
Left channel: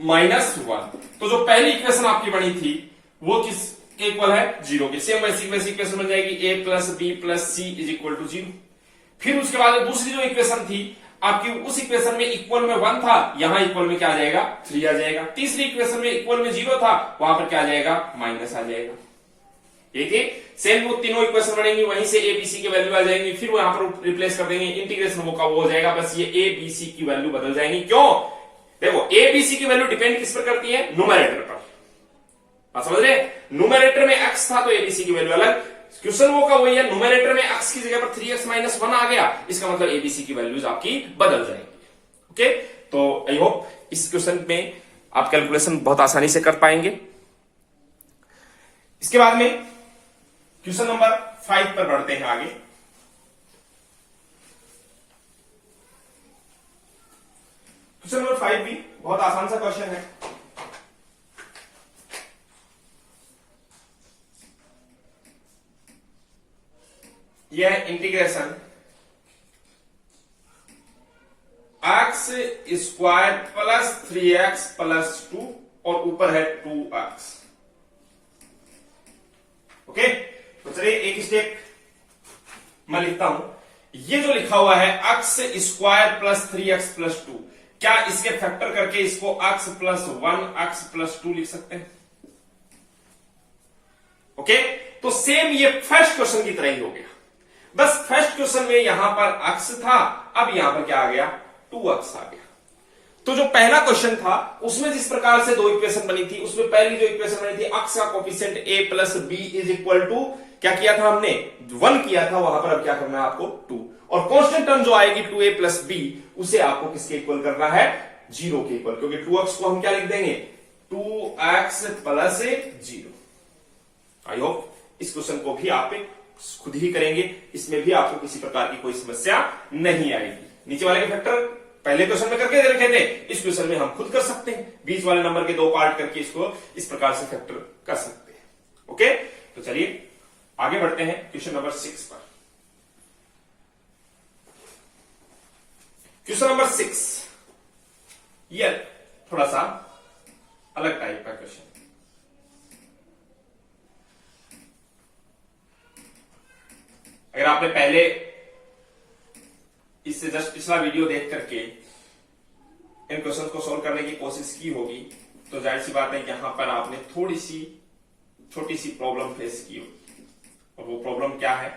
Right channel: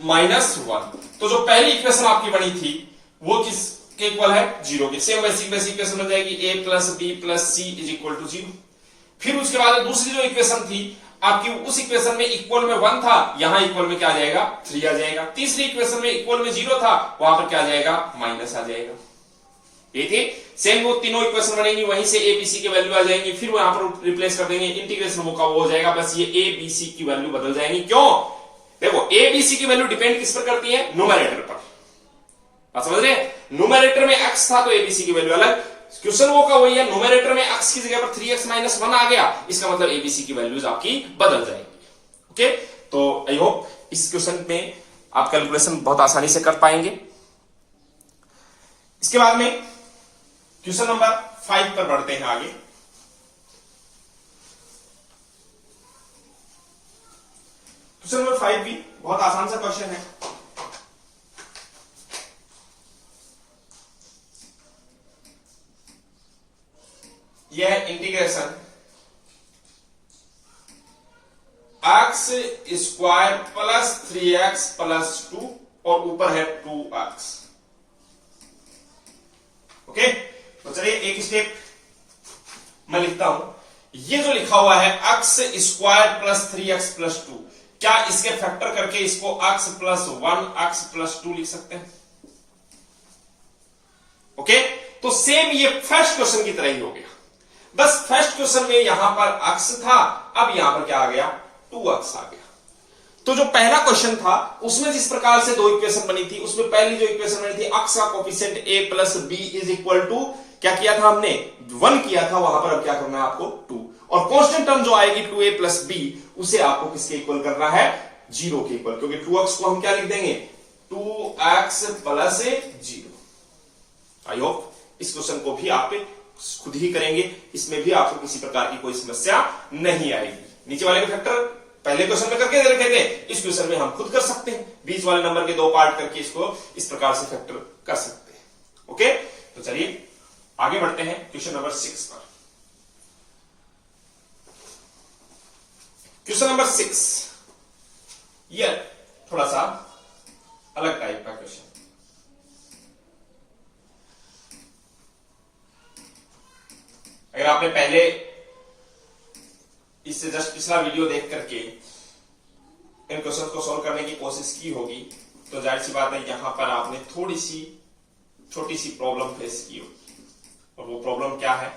-1। तो जो पहली इक्वेशन आपकी बनी थी वो किस के इक्वल है, 0 के। सेम वैसी इक्वेशन बन जाएगी a plus b plus c is equal to 0। फिर उसके बाद दूसरी जो इक्वेशन थी आपकी, उस इक्वेशन में इक्वल में 1 था, यहां इक्वल में क्या आ जाएगा, 3 आ जाएगा। तीसरी इक्वेशन में इक्वल में 0 था, वहां पर क्या आ जाएगा, माइनस आ जाएगा। ये थी सेम, वो तीनों इक्वेशन बनेंगी, वहीं से ए बी सी की वैल्यू आ जाएंगी, फिर वो यहां पर रिप्लेस कर देंगे, इंटीग्रेशन वो का वो हो जाएगा। बस ये ए बी सी की वैल्यू बदल जाएंगी। क्यों, देखो ए बी सी की वैल्यू डिपेंड किस पर करती है, न्यूमरेटर पर। बात समझ रहे, न्यूमरेटर में x था तो एबीसी की वैल्यू अलग, क्वेश्चन वो का वही है, न्यूमरेटर में x की जगह पर 3x - 1 आ गया, इसका मतलब एबीसी की वैल्यूज आपकी बदल जाएंगी। ओके, तो आई होप इस क्वेश्चन में आप कैलकुलेशन बहुत आसानी से कर पाएंगे। इसके बाद में क्वेश्चन नंबर 5 पर बढ़ते हैं आगे। क्वेश्चन नंबर 5 भी बहुत आसान सा क्वेश्चन है। यह integration x² plus 3x plus 2 और ऊपर है 2x। ओके, तो चलिए एक स्टेप मैं लिखता हूं। ये जो लिखा हुआ है x² प्लस 3x प्लस 2, क्या इसके फैक्टर करके इसको x प्लस 1 x प्लस 2 लिख सकते हैं? ओके, तो सेम ये फर्स्ट क्वेश्चन की तरह ही हो गया। बस फर्स्ट क्वेश्चन में यहां पर x था, अब यहां पर क्या आ गया, 2x आ गया। तो जो पहला क्वेश्चन था उसमें जिस प्रकार से दो इक्वेशन बनी थी, उसमें पहली जो इक्वेशन बनी थी x का coefficient a plus b is equal to क्या किया था हमने, 1 किया था, वहां पर अब क्या करना है आपको 2, और कांस्टेंट टर्म जो आएगी 2a प्लस b उसे आपको किसके इक्वल करना है, 0 के इक्वल, क्योंकि 2x को हम क्या लिख देंगे, 2x प्लस 0। आई होप इस क्वेश्चन को भी आप खुद ही करेंगे, इसमें भी आपको किसी प्रकार की कोई समस्या नहीं आएगी। नीचे वाले के फैक्टर पहले क्वेश्चन में करके दे रखे थे, इस क्वेश्चन में हम खुद कर सकते हैं, बीच वाले नंबर के 2 पार्ट करके इसको इस प्रकार से फैक्टर कर सकते हैं। ओके, तो चलिए आगे बढ़ते हैं क्वेश्चन नंबर 6 पर। क्वेश्चन नंबर 6 ये थोड़ा सा अलग टाइप का क्वेश्चन। अगर आपने पहले इससे जस्ट पिछला वीडियो देख करके इन क्वेश्चन को सॉल्व करने की कोशिश की होगी तो जाहिर सी बात है यहां पर आपने थोड़ी सी छोटी सी प्रॉब्लम फेस की होगी। और वो प्रॉब्लम क्या है,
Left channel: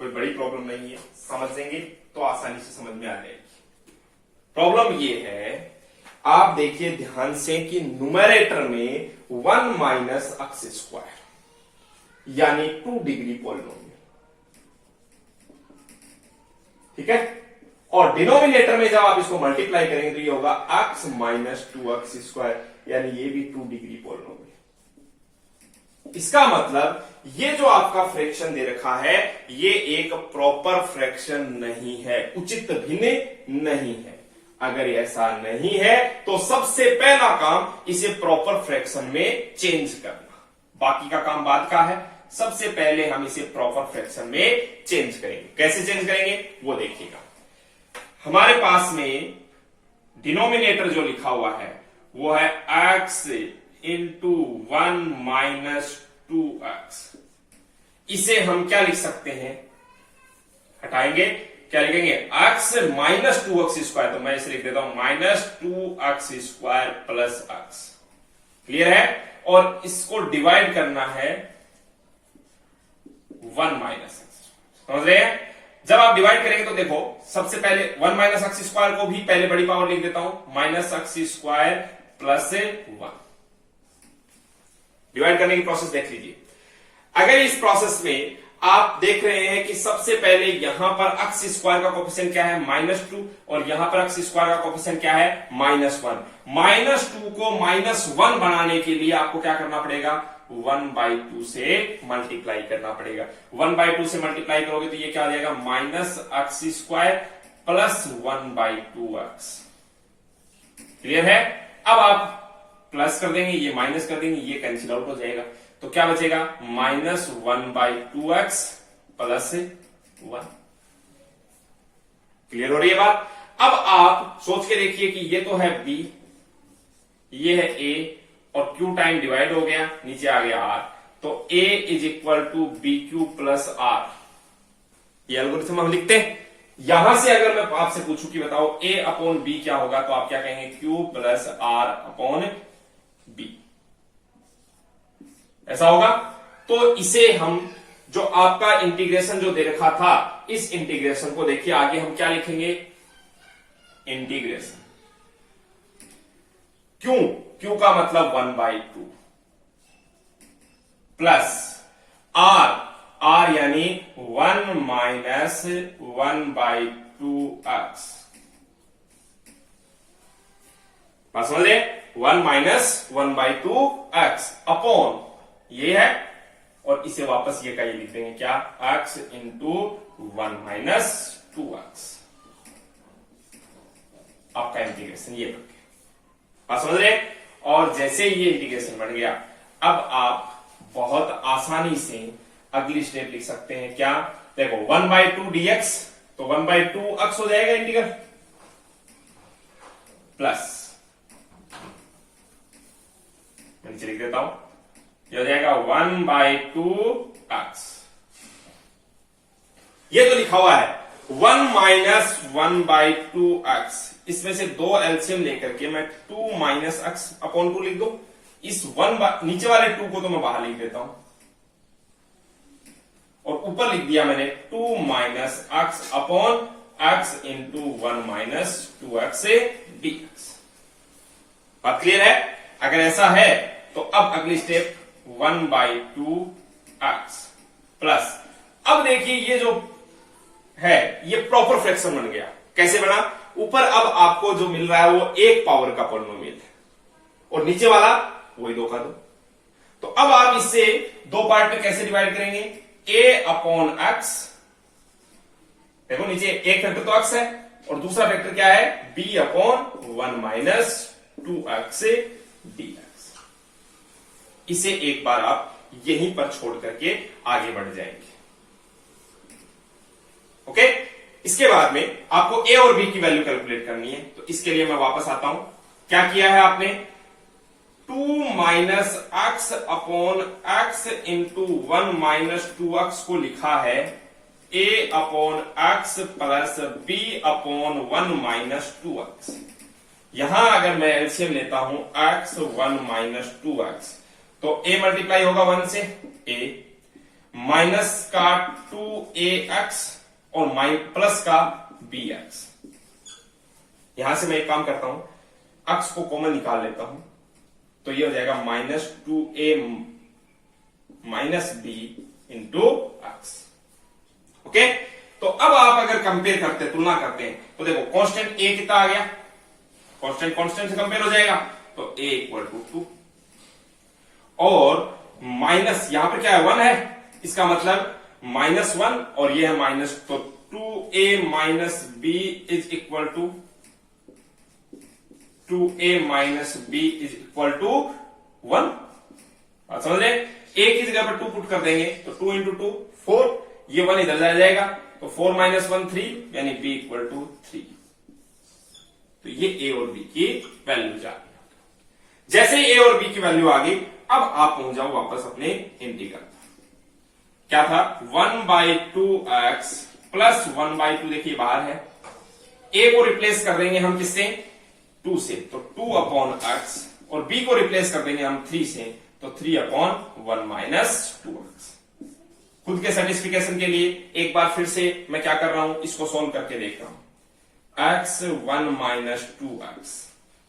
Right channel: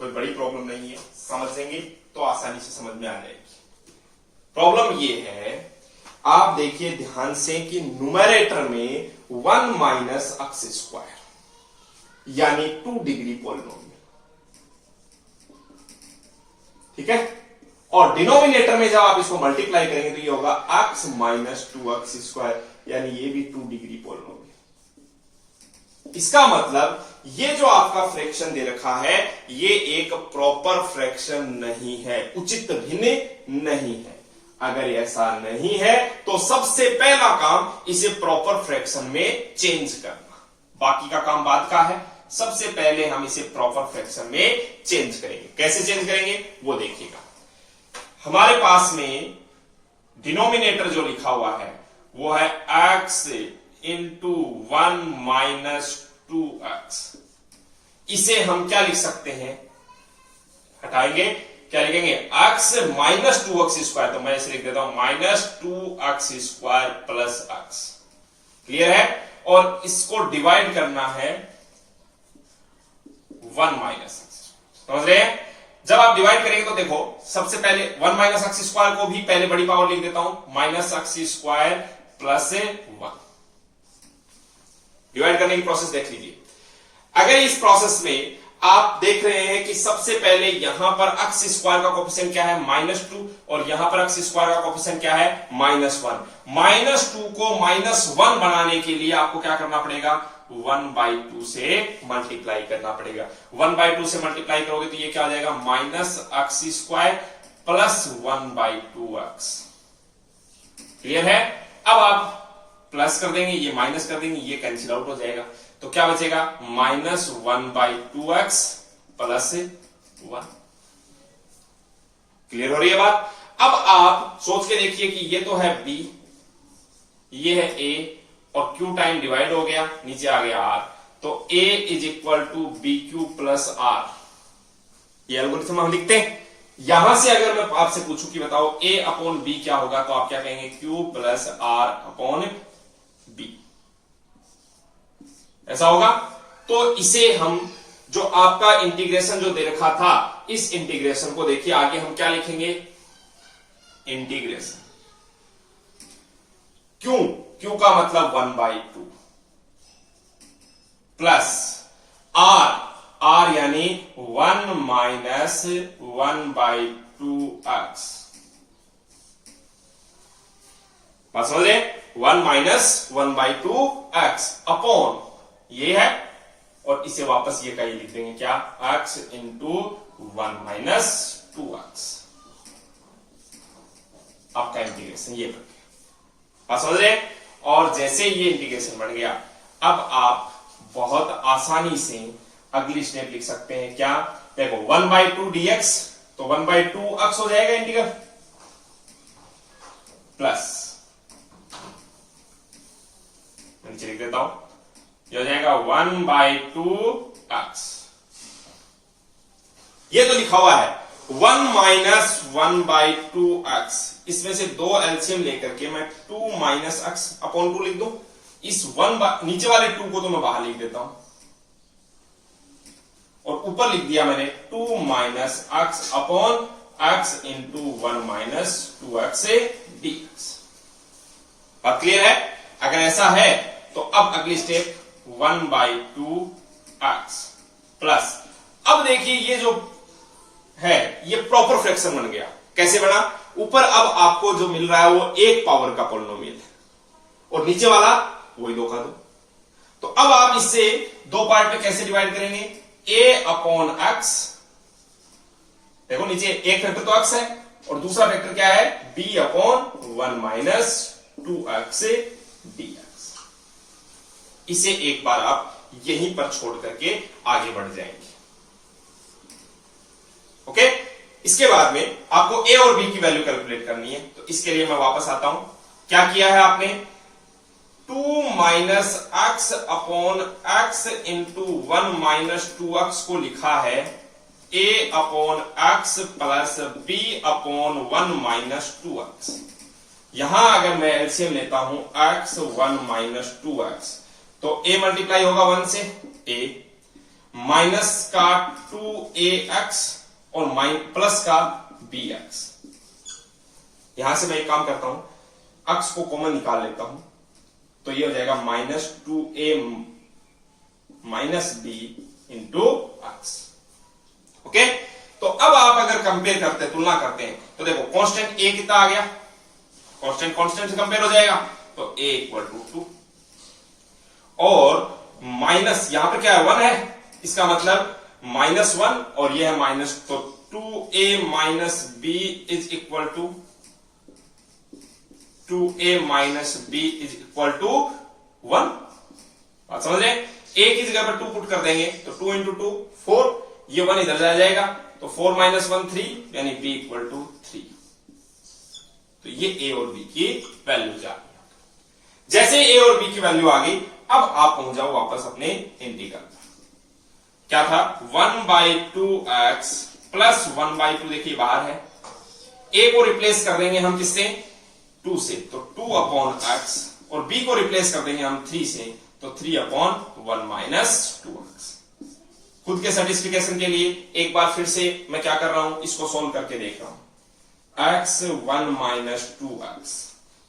कोई बड़ी प्रॉब्लम नहीं है, समझेंगे तो आसानी से समझ में आ जाएगी। प्रॉब्लम ये है, आप देखिए ध्यान से कि न्यूमरेटर में 1 माइनस एक्स स्क्वायर यानी 2 डिग्री पॉलिनोमियल, ठीक है, और डिनोमिनेटर में जब आप इसको मल्टीप्लाई करेंगे तो ये होगा x माइनस 2x स्क्वायर यानी ये भी 2 डिग्री पॉलिनोमियल। इसका मतलब ये जो आपका फ्रैक्शन दे रखा है ये एक प्रॉपर फ्रैक्शन नहीं है, उचित भिन्न नहीं है। अगर ऐसा नहीं है तो सबसे पहला काम इसे प्रॉपर फ्रैक्शन में चेंज करना, बाकी का काम बाद का है। सबसे पहले हम इसे प्रॉपर फ्रैक्शन में चेंज करेंगे। कैसे चेंज करेंगे वो देखिएगा। हमारे पास में डिनोमिनेटर जो लिखा हुआ है वो है x इंटू 1 माइनस 2x। इसे हम क्या लिख सकते हैं, हटाएंगे, क्या लिखेंगे, x माइनस 2x स्क्वायर, तो मैं इसे लिख देता हूं minus 2x square plus x। Clear है, और इसको डिवाइड करना है 1 माइनस एक्स। समझ रहे हैं, जब आप डिवाइड करेंगे तो देखो सबसे पहले 1 माइनस एक्स स्क्वायर को भी पहले बड़ी पावर लिख देता हूं, minus X square plus 1। Divide करने की प्रोसेस देख लीजिए। अगर इस प्रोसेस में आप देख रहे हैं कि सबसे पहले यहां पर एक्स स्क्वायर का कोफिशिएंट क्या है, -2, और यहां पर एक्स स्क्वायर का कोफिशिएंट क्या है, -1। -2 को -1 बनाने के लिए आपको क्या करना पड़ेगा, 1/2 से मल्टीप्लाई करना पड़ेगा। 1/2 से मल्टीप्लाई करोगे तो ये क्या आ जाएगा, minus X square plus 1/2x। Clear है, अब आप प्लस कर देंगे, ये माइनस कर देंगे, ये कैंसिल आउट हो जाएगा, तो क्या बचेगा, माइनस 1/2x प्लस 1। क्लियर हो रही है बात। अब आप सोच के देखिए कि ये तो है b, ये है a, और q टाइम डिवाइड हो गया, नीचे आ गया r, तो a is equal to b q plus r. ये एल्गोरिथम हम लिखते हैं। यहां से अगर मैं आपसे पूछूं कि बताओ a अपॉन b क्या होगा, तो आप क्या कहेंगे, q plus r upon b, ऐसा होगा। तो इसे हम जो आपका इंटीग्रेशन जो दे रखा था, इस इंटीग्रेशन को देखिए आगे हम क्या लिखेंगे, इंटीग्रेशन क्यू का मतलब 1/2 प्लस आर यानी 1 माइनस 1/2x। बात समझ रहे, 1 माइनस 1/2x अपॉन ये है, और इसे वापस ये का ये लिख देंगे क्या, x इंटू 1 माइनस 2x। आपका इंटीग्रेशन ये बन गया, बात समझ रहे। और जैसे ये इंटीग्रेशन बन गया, अब आप बहुत आसानी से अगली स्टेप लिख सकते हैं, क्या, देखो 1/2 dx, तो 1/2x हो जाएगा इंटीग्रल, प्लस मैं नीचे लिख देता हूं, ये हो जाएगा 1/2x। ये तो लिखा हुआ है 1 माइनस 1/2x, इसमें से 2 एलसीएम लेकर के मैं 2 माइनस x अपॉन 2 लिख दूं। इस 1 नीचे वाले 2 को तो मैं बाहर लिख देता हूं, और ऊपर लिख दिया मैंने 2 minus x upon x into 1 minus 2x dx। बात क्लियर है। अगर ऐसा है तो अब अगली स्टेप 1/2x प्लस, अब देखिए ये जो है ये प्रॉपर फ्रैक्शन बन गया। कैसे बना, ऊपर अब आपको जो मिल रहा है वो 1 पावर का पॉलिनोमियल है, और नीचे वाला वही 2 का 2। तो अब आप इससे 2 पार्ट में कैसे डिवाइड करेंगे, a अपॉन एक्स, देखो नीचे एक फैक्टर तो एक्स है और दूसरा फैक्टर क्या है, b upon 1 minus 2x dx। इसे एक बार आप यहीं पर छोड़ करके आगे बढ़ जाएंगे। ओके, इसके बाद में आपको a और b की वैल्यू कैलकुलेट करनी है। तो इसके लिए मैं वापस आता हूं। क्या किया है आपने, 2 minus x upon x into 1 minus 2x को लिखा है a upon x plus b upon 1 minus 2x। यहां अगर मैं एलसीएम लेता हूं x 1 माइनस 2x, तो a मल्टीप्लाई होगा 1 से a, माइनस का 2ax और प्लस का bx। यहां से मैं एक काम करता हूं, x को कॉमन निकाल लेता हूं, तो ये हो जाएगा minus 2a minus b into x. Okay, तो अब आप अगर कंपेयर करते हैं, तुलना करते हैं, तो देखो कांस्टेंट a कितना आ गया, कांस्टेंट कांस्टेंट से कंपेयर हो जाएगा, तो a इक्वल टू 2 और माइनस यहां पर क्या है 1 है, इसका मतलब -1 और ये है माइनस, तो 2a minus b is equal to 2a minus b is equal to 1। बात समझ रहे, a की जगह पर 2 पुट कर देंगे तो 2 इंटू 2 4, ये 1 इधर जा जाएगा, तो 4 माइनस 1 3, यानी b इक्वल टू 3। तो ये a और b की वैल्यू जा गई। जैसे ही a और b की वैल्यू आ गई, अब आप पहुंच जाओ वापस अपने इंटीग्रल। क्या था, 1/2x प्लस 1/2, देखिए बाहर है, a को रिप्लेस कर देंगे हम किससे, 2 से, तो 2 अपॉन x, और b को रिप्लेस कर देंगे हम 3 से, तो 3 अपॉन 1 माइनस 2x। खुद के सर्टिफिकेशन के लिए एक बार फिर से मैं क्या कर रहा हूं, इसको सोल्व करके देख रहा हूं। x 1 माइनस 2x,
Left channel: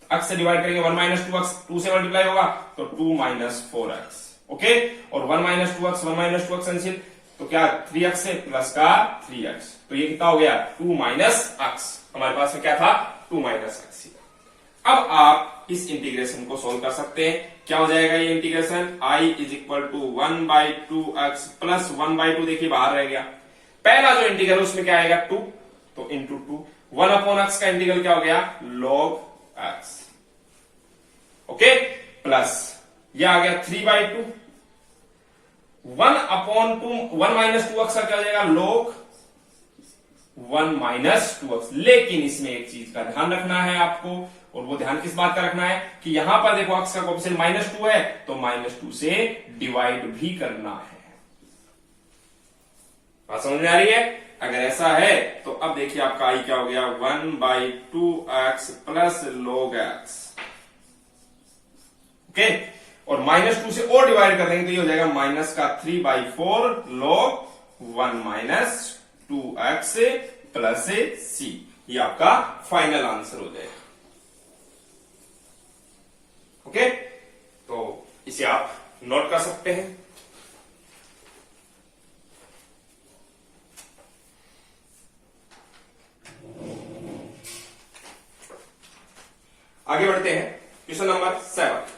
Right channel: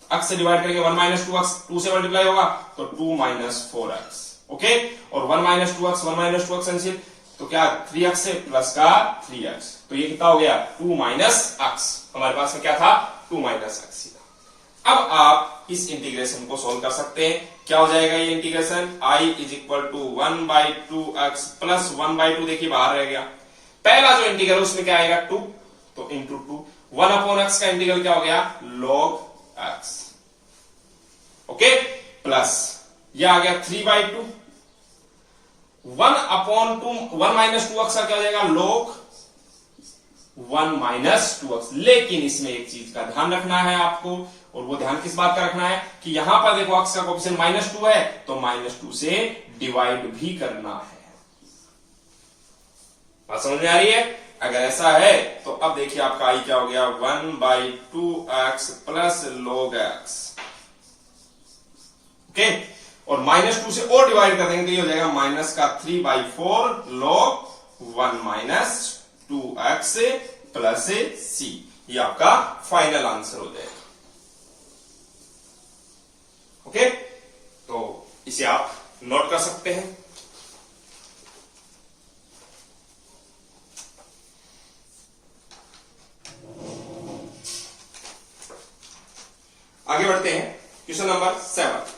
x से डिवाइड करेंगे 1 माइनस 2x, 2 से मल्टीप्लाई होगा तो 2 माइनस 4x। ओके, और 1 minus 2x 1 minus 2x cancel, तो क्या 3x से प्लस का 3x, तो ये कितना हो गया 2 माइनस x। हमारे पास में क्या था, 2 माइनस x। अब आप इस इंटीग्रेशन को सोल्व कर सकते हैं। क्या हो जाएगा ये integration, i is equal to 1/2x plus 1/2, देखिए बाहर रह गया। पहला जो इंटीग्रल उसमें क्या आएगा 2, तो इंटू 2, 1 अपॉन x का इंटीग्रल क्या हो गया log x। ओके, प्लस ये आ गया 3/2, 1 अपॉन 1 माइनस 2x का क्या हो जाएगा log 1 माइनस 2x। लेकिन इसमें एक चीज का ध्यान रखना है आपको, और वो ध्यान किस बात का रखना है कि यहां पर देखो x का कोएफिशिएंट -2 है, तो -2 से डिवाइड भी करना है। बात समझ में आ रही है, अगर ऐसा है तो अब देखिए आपका i क्या हो गया 1/2x plus log x। Okay, और -2 से और डिवाइड कर देंगे तो ये हो जाएगा माइनस का 3/4 log 1 minus 2x plus c। ये आपका फाइनल आंसर हो जाएगा। ओके, तो इसे आप नोट कर सकते हैं। आगे बढ़ते हैं, क्वेश्चन नंबर 7।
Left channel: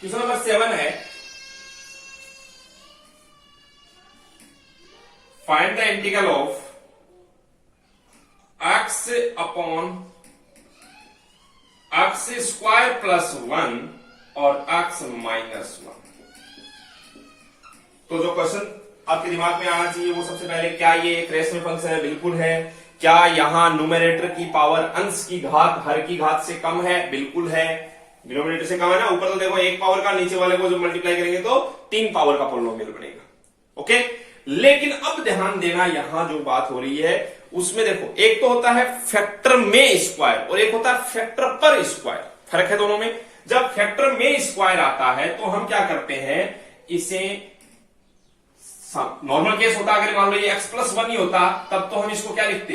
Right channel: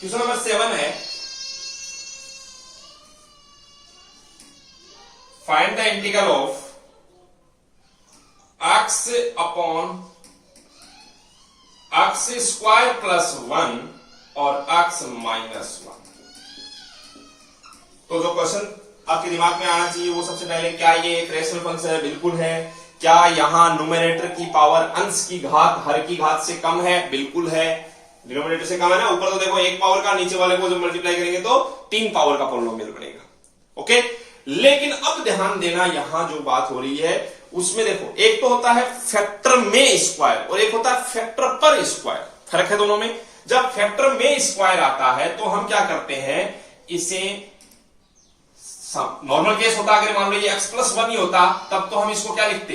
क्वेश्चन नंबर 7 है, find the integral of x upon x square plus 1 और x माइनस 1। तो जो क्वेश्चन आपके दिमाग में आना चाहिए वो सबसे पहले, क्या ये एक रेशनल फंक्शन है, बिल्कुल है। क्या यहां न्यूमरेटर की पावर अंश की घात हर की घात से कम है, बिल्कुल है। डिनोमिनेटर से कम है ना, ऊपर तो देखो 1 पावर का, नीचे वाले को जो मल्टीप्लाई करेंगे तो 3 पावर का पॉलिनोमियल बनेगा। ओके, लेकिन अब ध्यान देना, यहां जो बात हो रही है उसमें देखो, एक तो होता है फैक्टर में स्क्वायर और एक होता है फैक्टर पर स्क्वायर, फर्क है दोनों में। जब फैक्टर में स्क्वायर आता है तो हम क्या करते हैं, इसे नॉर्मल केस होता, अगर मान लो ये x प्लस 1 ही होता तब तो हम इसको क्या लिखते,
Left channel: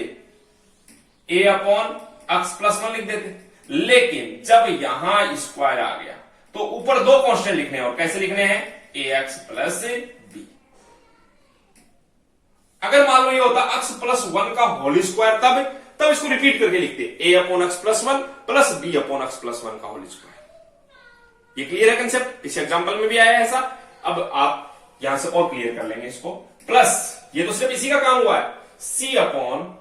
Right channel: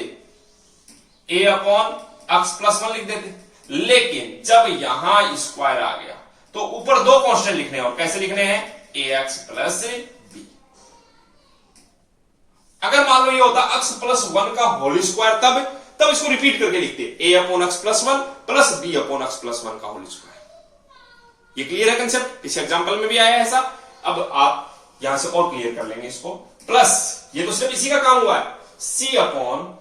a अपॉन x प्लस 1 लिख देते, लेकिन जब यहां स्क्वायर आ गया तो ऊपर दो कांस्टेंट लिखने हैं, और कैसे लिखने हैं, ax प्लस b। अगर मान लो ये होता x प्लस 1 का होल स्क्वायर, तब इसको रिपीट करके लिखते a upon x plus 1 plus b upon x plus 1 का होल स्क्वायर। ये क्लियर है कंसेप्ट, इस एग्जांपल में भी आया ऐसा। अब आप यहां से और क्लियर कर लेंगे इसको, प्लस ये तो सिर्फ इसी का काम हुआ है, c upon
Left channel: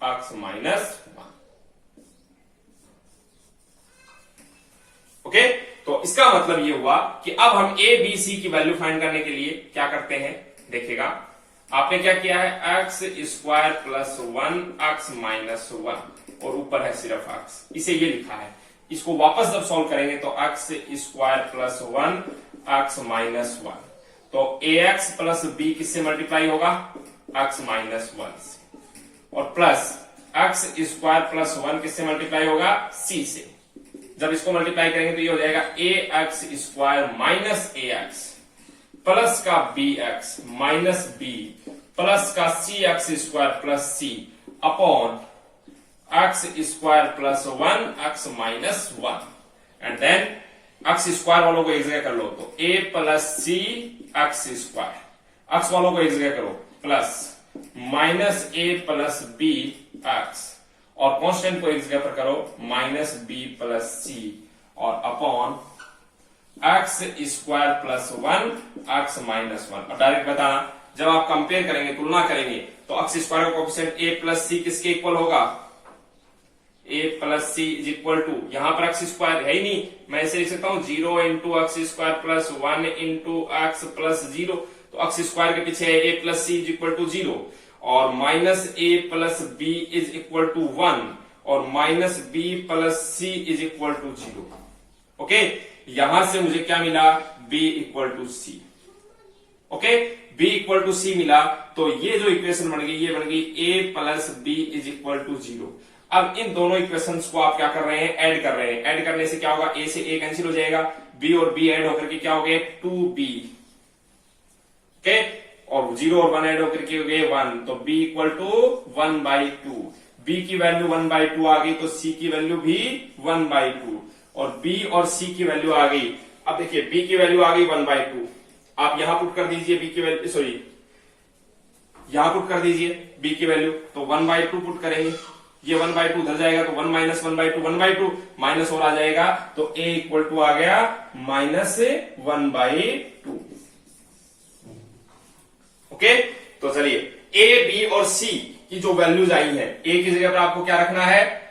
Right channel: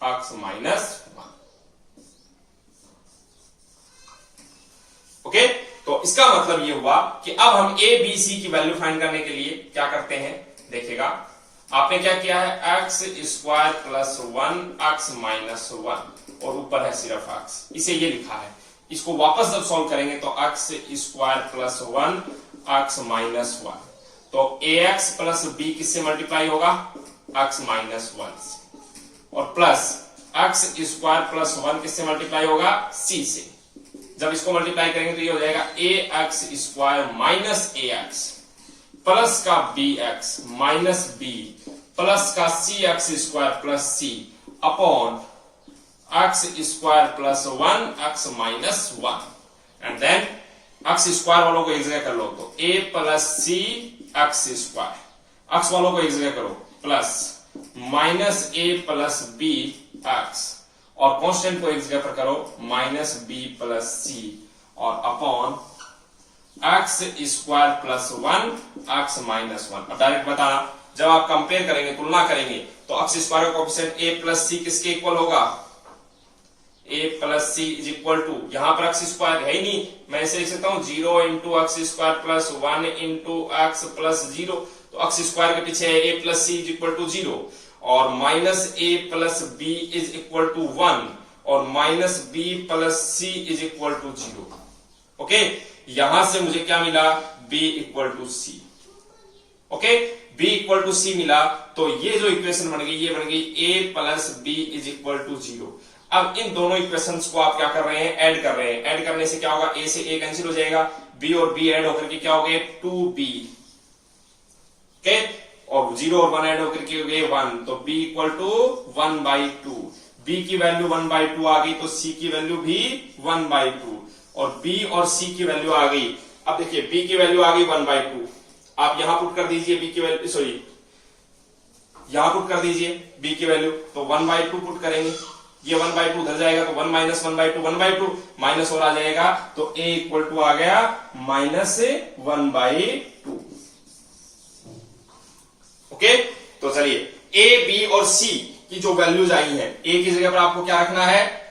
x minus 1। Okay, तो इसका मतलब ये हुआ कि अब हम a b c की वैल्यू फाइंड करने के लिए क्या करते हैं, देखिएगा आपने क्या किया है, x square plus 1 x minus 1 और ऊपर है सिर्फ x, इसे ये लिखा है। इसको वापस जब सॉल्व करेंगे तो x square plus 1 x minus 1, तो ax प्लस b किससे मल्टीप्लाई होगा, x माइनस 1 से, और प्लस एक्स स्क्वायर प्लस 1 किससे मल्टीप्लाई होगा, c से। जब इसको मल्टीप्लाई करेंगे तो ये हो जाएगा ax square minus ax plus का bx माइनस b प्लस का cx square plus c upon x square plus 1 x minus 1, and then x square वालों को एक जगह कर लो तो a plus c x square, x वालों को एक जगह करो plus minus a plus b x, और कांस्टेंट को एक जगह पर करो माइनस b प्लस c, और upon x square plus 1 x minus 1। अब डायरेक्ट बताना, जब आप कंपेयर करेंगे, तुलना करेंगे, तो एक्स स्क्वायर का कोएफिशिएंट a प्लस सी किसके इक्वल होगा, a plus C is equal to, यहां पर एक्स स्क्वायर है ही नहीं, मैं इसे लिख सकता हूं 0 into x square plus 1 into x plus 0, तो एक्स स्क्वायर के पीछे है a plus C is equal to 0, और minus a plus b is equal to 1, और minus b plus c is equal to 0। Okay, यहां से मुझे क्या मिला, b equal to C. Okay, b equal to C मिला, तो ये जो इक्वेशन बन गई, ये बन गई a plus b is equal to 0। अब इन दोनों इक्वेशंस को आप क्या कर रहे हैं, ऐड कर रहे हैं। ऐड करने से क्या होगा, a से a कैंसिल हो जाएगा, b और b ऐड होकर के क्या हो गए, 2b। ओके, और 0 और 1 ऐड होकर के हो गए 1, तो b इक्वल टू 1/2। b की वैल्यू 1/2 आ गई, तो c की वैल्यू भी 1/2, और b और c की वैल्यू आ गई। अब देखिए b की वैल्यू आ गई 1/2, आप यहां पुट कर दीजिए b की वैल्यू, सॉरी यहां पुट कर दीजिए b की वैल्यू, तो 1/2 पुट करेंगे, ये 1/2 उधर जाएगा तो 1 माइनस 1/2 1/2 माइनस और आ जाएगा, तो a इक्वल टू आ गया माइनस 1/2। ओके, तो चलिए a b और c की जो वैल्यूज आई है, a की जगह पर आपको क्या रखना है,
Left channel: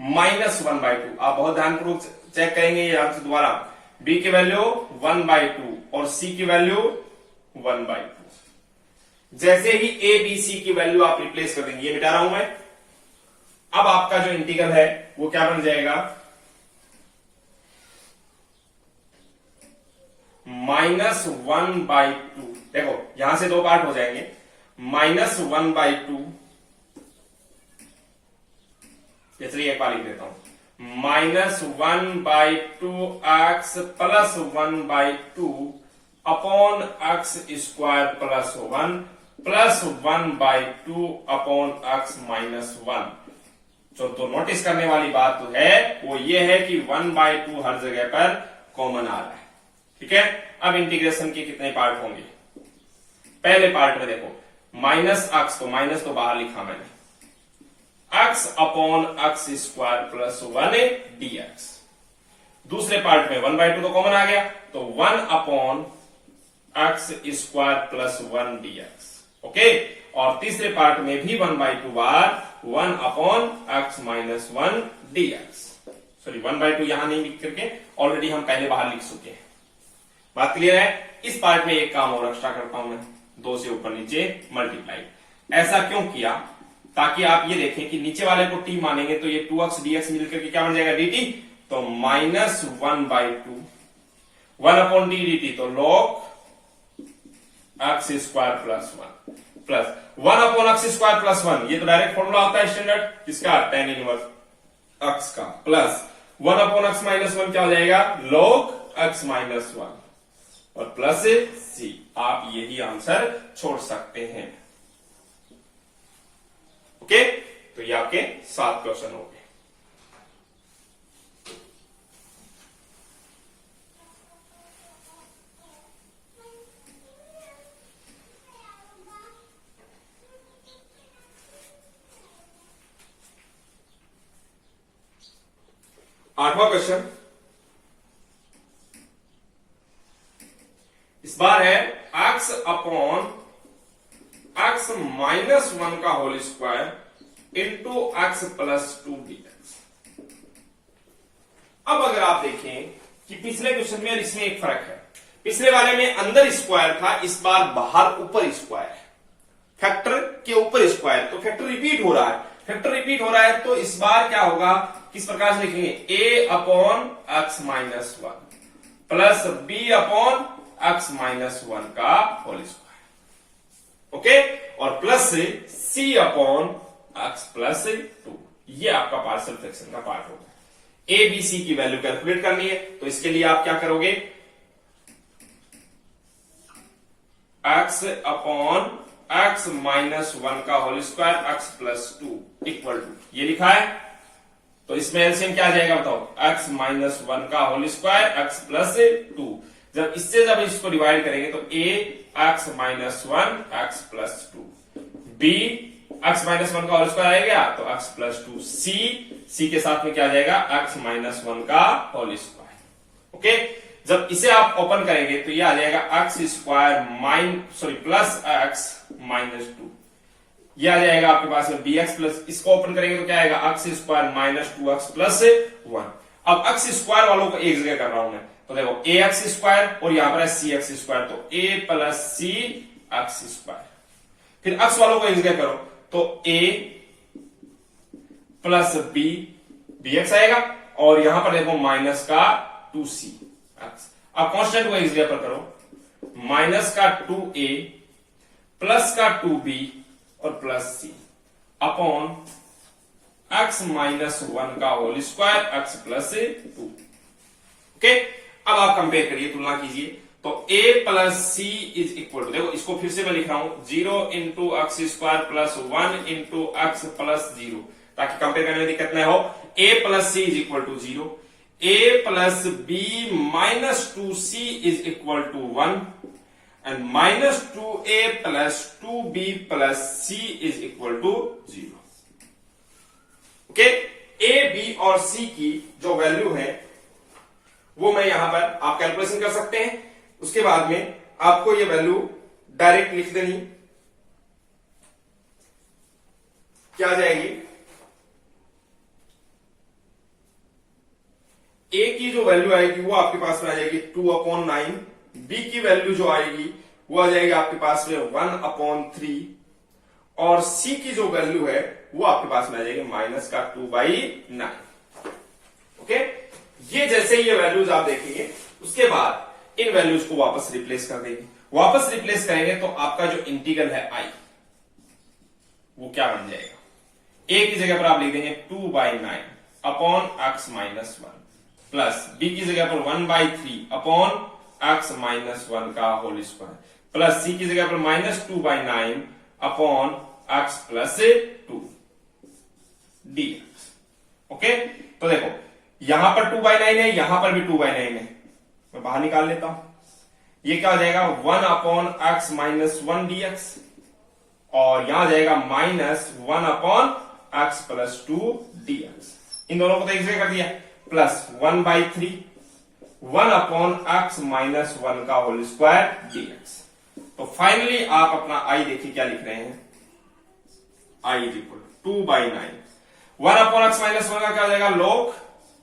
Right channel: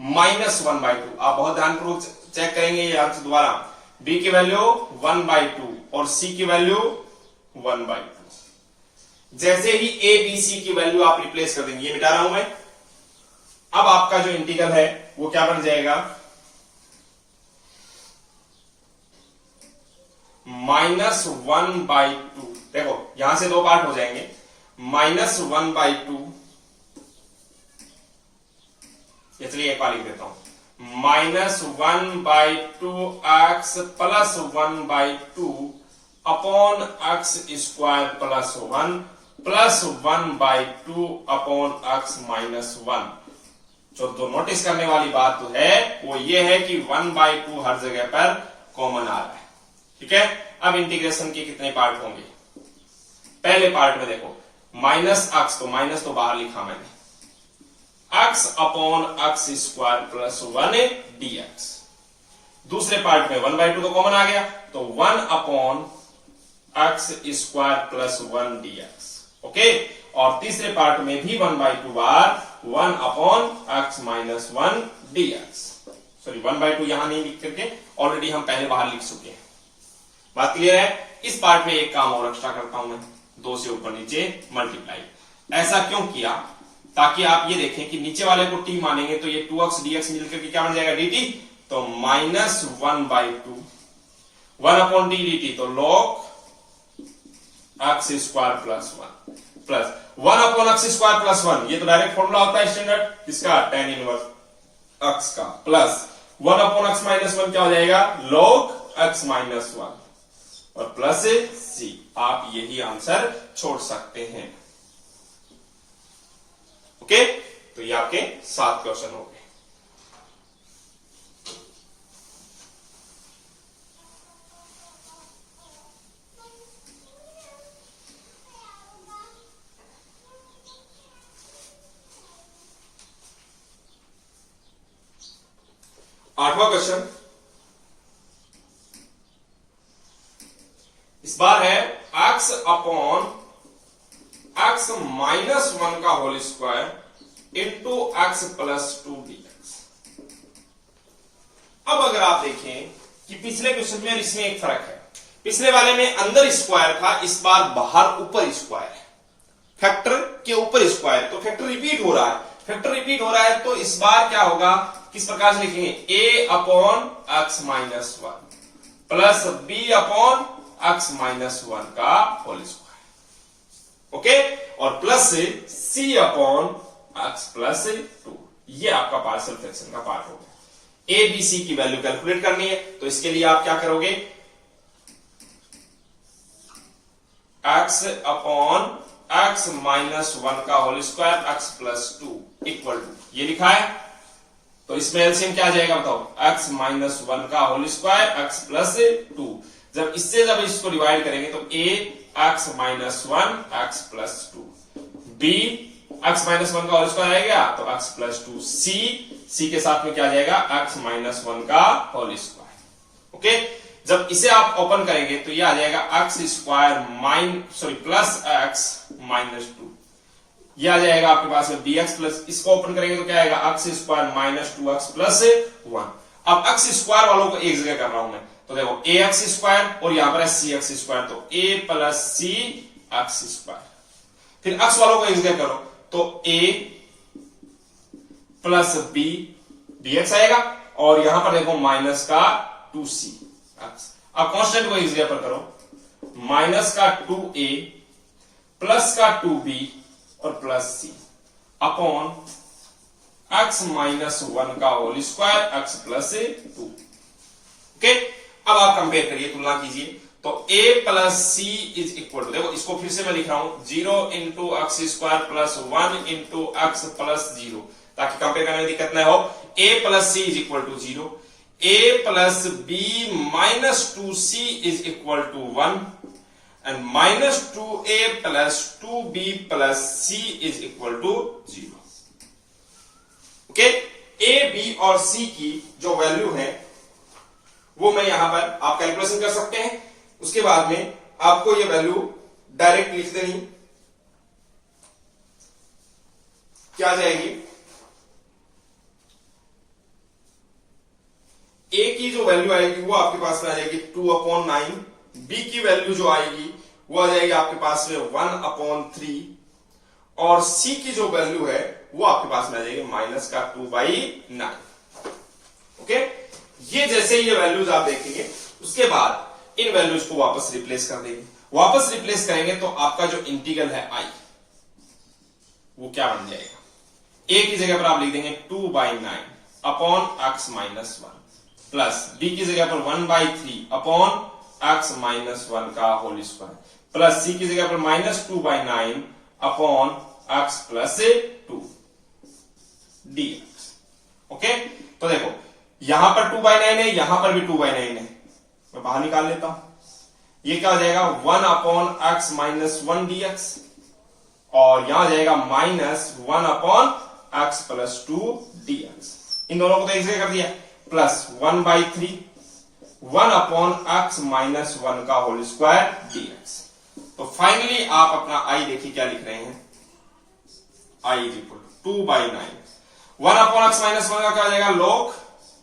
-1/2। आप बहुत ध्यानपूर्वक चेक करेंगे ये आंसर दोबारा, b की वैल्यू 1/2 और c की वैल्यू 1/2। जैसे ही a b c की वैल्यू आप रिप्लेस कर देंगे, ये मिटा रहा हूं मैं, अब आपका जो इंटीग्रल है वो क्या बन जाएगा, -1/2। देखो यहां से दो पार्ट हो जाएंगे, -1/2, चलिए एक बार लिख देता हूं, -1/2 x plus 1/2 upon x square plus 1 plus 1/2 upon x minus 1। जो तो नोटिस करने वाली बात तो है वो ये है कि 1/2 हर जगह पर कॉमन आ रहा है। ठीक है, अब इंटीग्रेशन के कितने पार्ट होंगे, पहले पार्ट में देखो माइनस x, तो माइनस तो बाहर लिखा मैंने, x upon x square plus 1 dx। दूसरे पार्ट में 1/2 तो कॉमन आ गया, तो 1 upon x square plus 1 dx। Okay, और तीसरे पार्ट में भी 1/2 बार 1 upon x minus 1 dx। Sorry 1/2 यहां नहीं लिख करके ऑलरेडी हम पहले बाहर लिख चुके हैं। बात क्लियर है। इस पार्ट में एक काम और एक्स्ट्रा करता हूं मैं, 2 से ऊपर नीचे मल्टीप्लाई। ऐसा क्यों किया, ताकि आप ये देखें कि नीचे वाले को t मानेंगे तो ये 2x dx मिलकर के क्या बन जाएगा dt, तो -1/2 1 अपॉन d dt, तो log x square plus 1 plus 1 upon x square plus 1, ये तो डायरेक्ट फॉर्मूला होता है स्टैंडर्ड इसका tan इनवर्स x का, प्लस 1 अपॉन x माइनस 1 क्या हो जाएगा, log x माइनस 1 और प्लस c। आप यही आंसर छोड़ सकते हैं। ओके, तो ये आपके 7 क्वेश्चन हो गए। आठवां क्वेश्चन इस बार है x अपॉन x माइनस 1 का whole square into x plus 2 dx। अब अगर आप देखें कि पिछले क्वेश्चन में और इसमें एक फर्क है, पिछले वाले में अंदर स्क्वायर था, इस बार बाहर ऊपर स्क्वायर है, फैक्टर के ऊपर स्क्वायर, तो फैक्टर रिपीट हो रहा है। फैक्टर रिपीट हो रहा है तो इस बार क्या होगा, किस प्रकार से लिखेंगे, a upon x minus 1 plus b upon x minus 1 का होल स्क्वायर, ओके, और प्लस से c अपॉन एक्स प्लस 2। ये आपका पार्शियल फ्रैक्शन का पार्ट होगा। a b c की वैल्यू कैलकुलेट करनी है, तो इसके लिए आप क्या करोगे, x अपॉन एक्स माइनस 1 का whole square x plus 2 equal to, ये लिखा है, तो इसमें एलसीएम क्या आ जाएगा बताओ, x माइनस 1 का होल स्क्वायर एक्स प्लस 2। जब इसको डिवाइड करेंगे तो a x minus 1 x plus 2, b x minus 1 का होल स्क्वायर आएगा तो एक्स प्लस 2, c के साथ में क्या आ जाएगा, एक्स माइनस 1 का होल स्क्वायर, ओके। जब इसे आप ओपन करेंगे तो ये आ जाएगा x square plus x minus 2, ये आ जाएगा आपके पास में bx प्लस, इसको ओपन करेंगे तो क्या आएगा, x square minus 2x plus 1। अब एक्स स्क्वायर वालों को एक जगह कर रहा हूं मैं, तो देखो a एक्स स्क्वायर और यहां पर है c एक्स स्क्वायर, तो a plus c x square. फिर एक्स वालों को एक जगह करो तो a प्लस b x आएगा, और यहां पर देखो माइनस का 2c एक्स। अब कांस्टेंट को एक जगह पर करो, माइनस का 2a प्लस का 2b और plus c upon x minus 1 का whole square x plus 2, okay. अब आप कंपेयर करिए, तुलना कीजिए, तो a plus C is equal to, देखो इसको फिर से मैं लिख रहा हूं, 0 into x square plus 1 into x plus 0, ताकि कंपेयर करने में दिक्कत ना हो। a plus C is equal to 0, a plus b minus 2c is equal to 1 and minus 2a plus 2b plus c is equal to 0, okay. a b और c की जो value है वो मैं यहां पर आप कैलकुलेशन कर सकते हैं, उसके बाद में आपको ये वैल्यू डायरेक्ट लिख देनी, क्या आ जाएगी, a की जो वैल्यू आएगी वो आपके पास में आ जाएगी 2/9, b की वैल्यू जो आएगी वो आ जाएगी आपके पास में 1/3, और c की जो वैल्यू है वो आपके पास में आ जाएगी माइनस का 2/9, ओके। ये जैसे ये वैल्यूज आप देखेंगे, उसके बाद इन वैल्यूज को वापस रिप्लेस कर देंगे। वापस रिप्लेस करेंगे तो आपका जो इंटीग्रल है i वो क्या बन जाएगा, a की जगह पर आप लिख देंगे 2/9 upon x minus 1 plus b की जगह पर 1/3 अपॉन एक्स माइनस 1 का होल स्क्वायर प्लस c की जगह पर minus 2/9 upon x plus 2 dx, okay. तो देखो यहां पर 2/9 है, यहां पर भी 2/9 है, मैं बाहर निकाल लेता हूं, ये क्या हो जाएगा 1 अपॉन एक्स माइनस 1 dx, और यहां आ जाएगा minus 1 upon x plus 2 dx। इन दोनों को तो एक जगह कर दिया, प्लस 1/3 1 अपॉन एक्स माइनस 1 का होल स्क्वायर dx। तो फाइनली आप अपना i देखिए क्या लिख रहे हैं, i is equal to 2/9, 1 upon x minus 1 का क्या हो जाएगा, log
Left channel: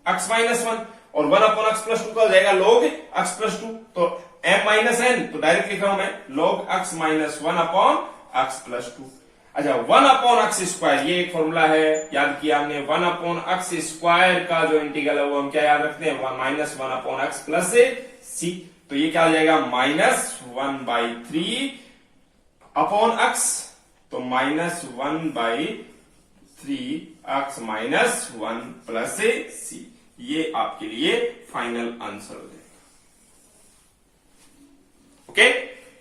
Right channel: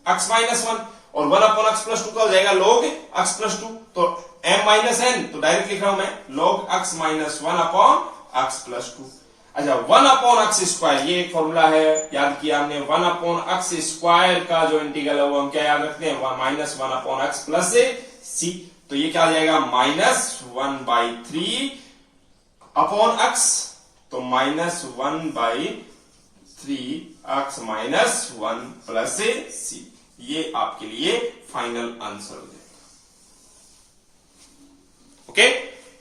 x माइनस 1, और 1 अपॉन एक्स प्लस 2 का हो जाएगा log x प्लस 2, तो m माइनस n, तो डायरेक्ट लिख रहा हूं मैं log x minus 1 upon x plus 2। अच्छा 1 अपॉन एक्स स्क्वायर, ये एक फॉर्मूला है, याद किया हमने, 1 अपॉन एक्स स्क्वायर का जो इंटीग्रल है वो हम क्या याद रखते हैं, minus 1 upon x plus c, तो ये क्या आ जाएगा माइनस 1/3 अपॉन x, तो minus 1/3 x minus 1 plus c, ये आपके लिए फाइनल आंसर हो जाएगा, ओके।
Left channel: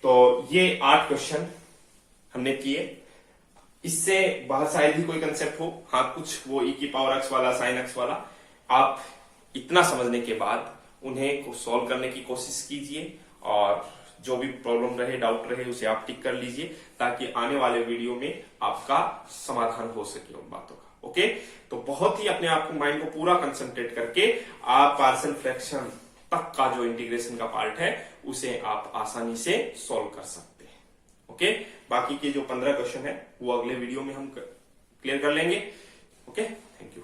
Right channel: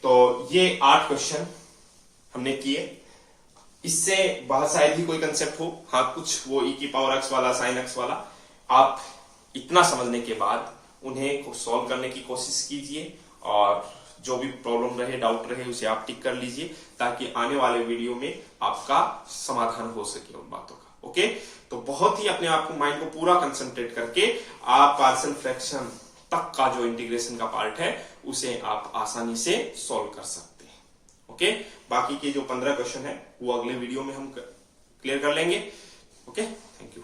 तो ये 8 क्वेश्चन हमने किए। इससे बहुत शायद ही कोई कंसेप्ट हो, हाँ कुछ वो e की पावर x वाला sin x वाला, आप इतना समझने के बाद उन्हें को सॉल्व करने की कोशिश कीजिए और जो भी प्रॉब्लम रहे, डाउट रहे, उसे आप टिक कर लीजिए ताकि आने वाले वीडियो में आपका समाधान हो सके उन बातों का। ओके, तो बहुत ही अपने आप को, माइंड को पूरा कंसंट्रेट करके आप पार्शियल फ्रैक्शन तक का जो इंटीग्रेशन का पार्ट है उसे आप आसानी से सॉल्व कर सकते हैं। ओके, बाकी के जो 15 क्वेश्चन है वो अगले वीडियो में हम क्लियर कर लेंगे। Okay, thank you.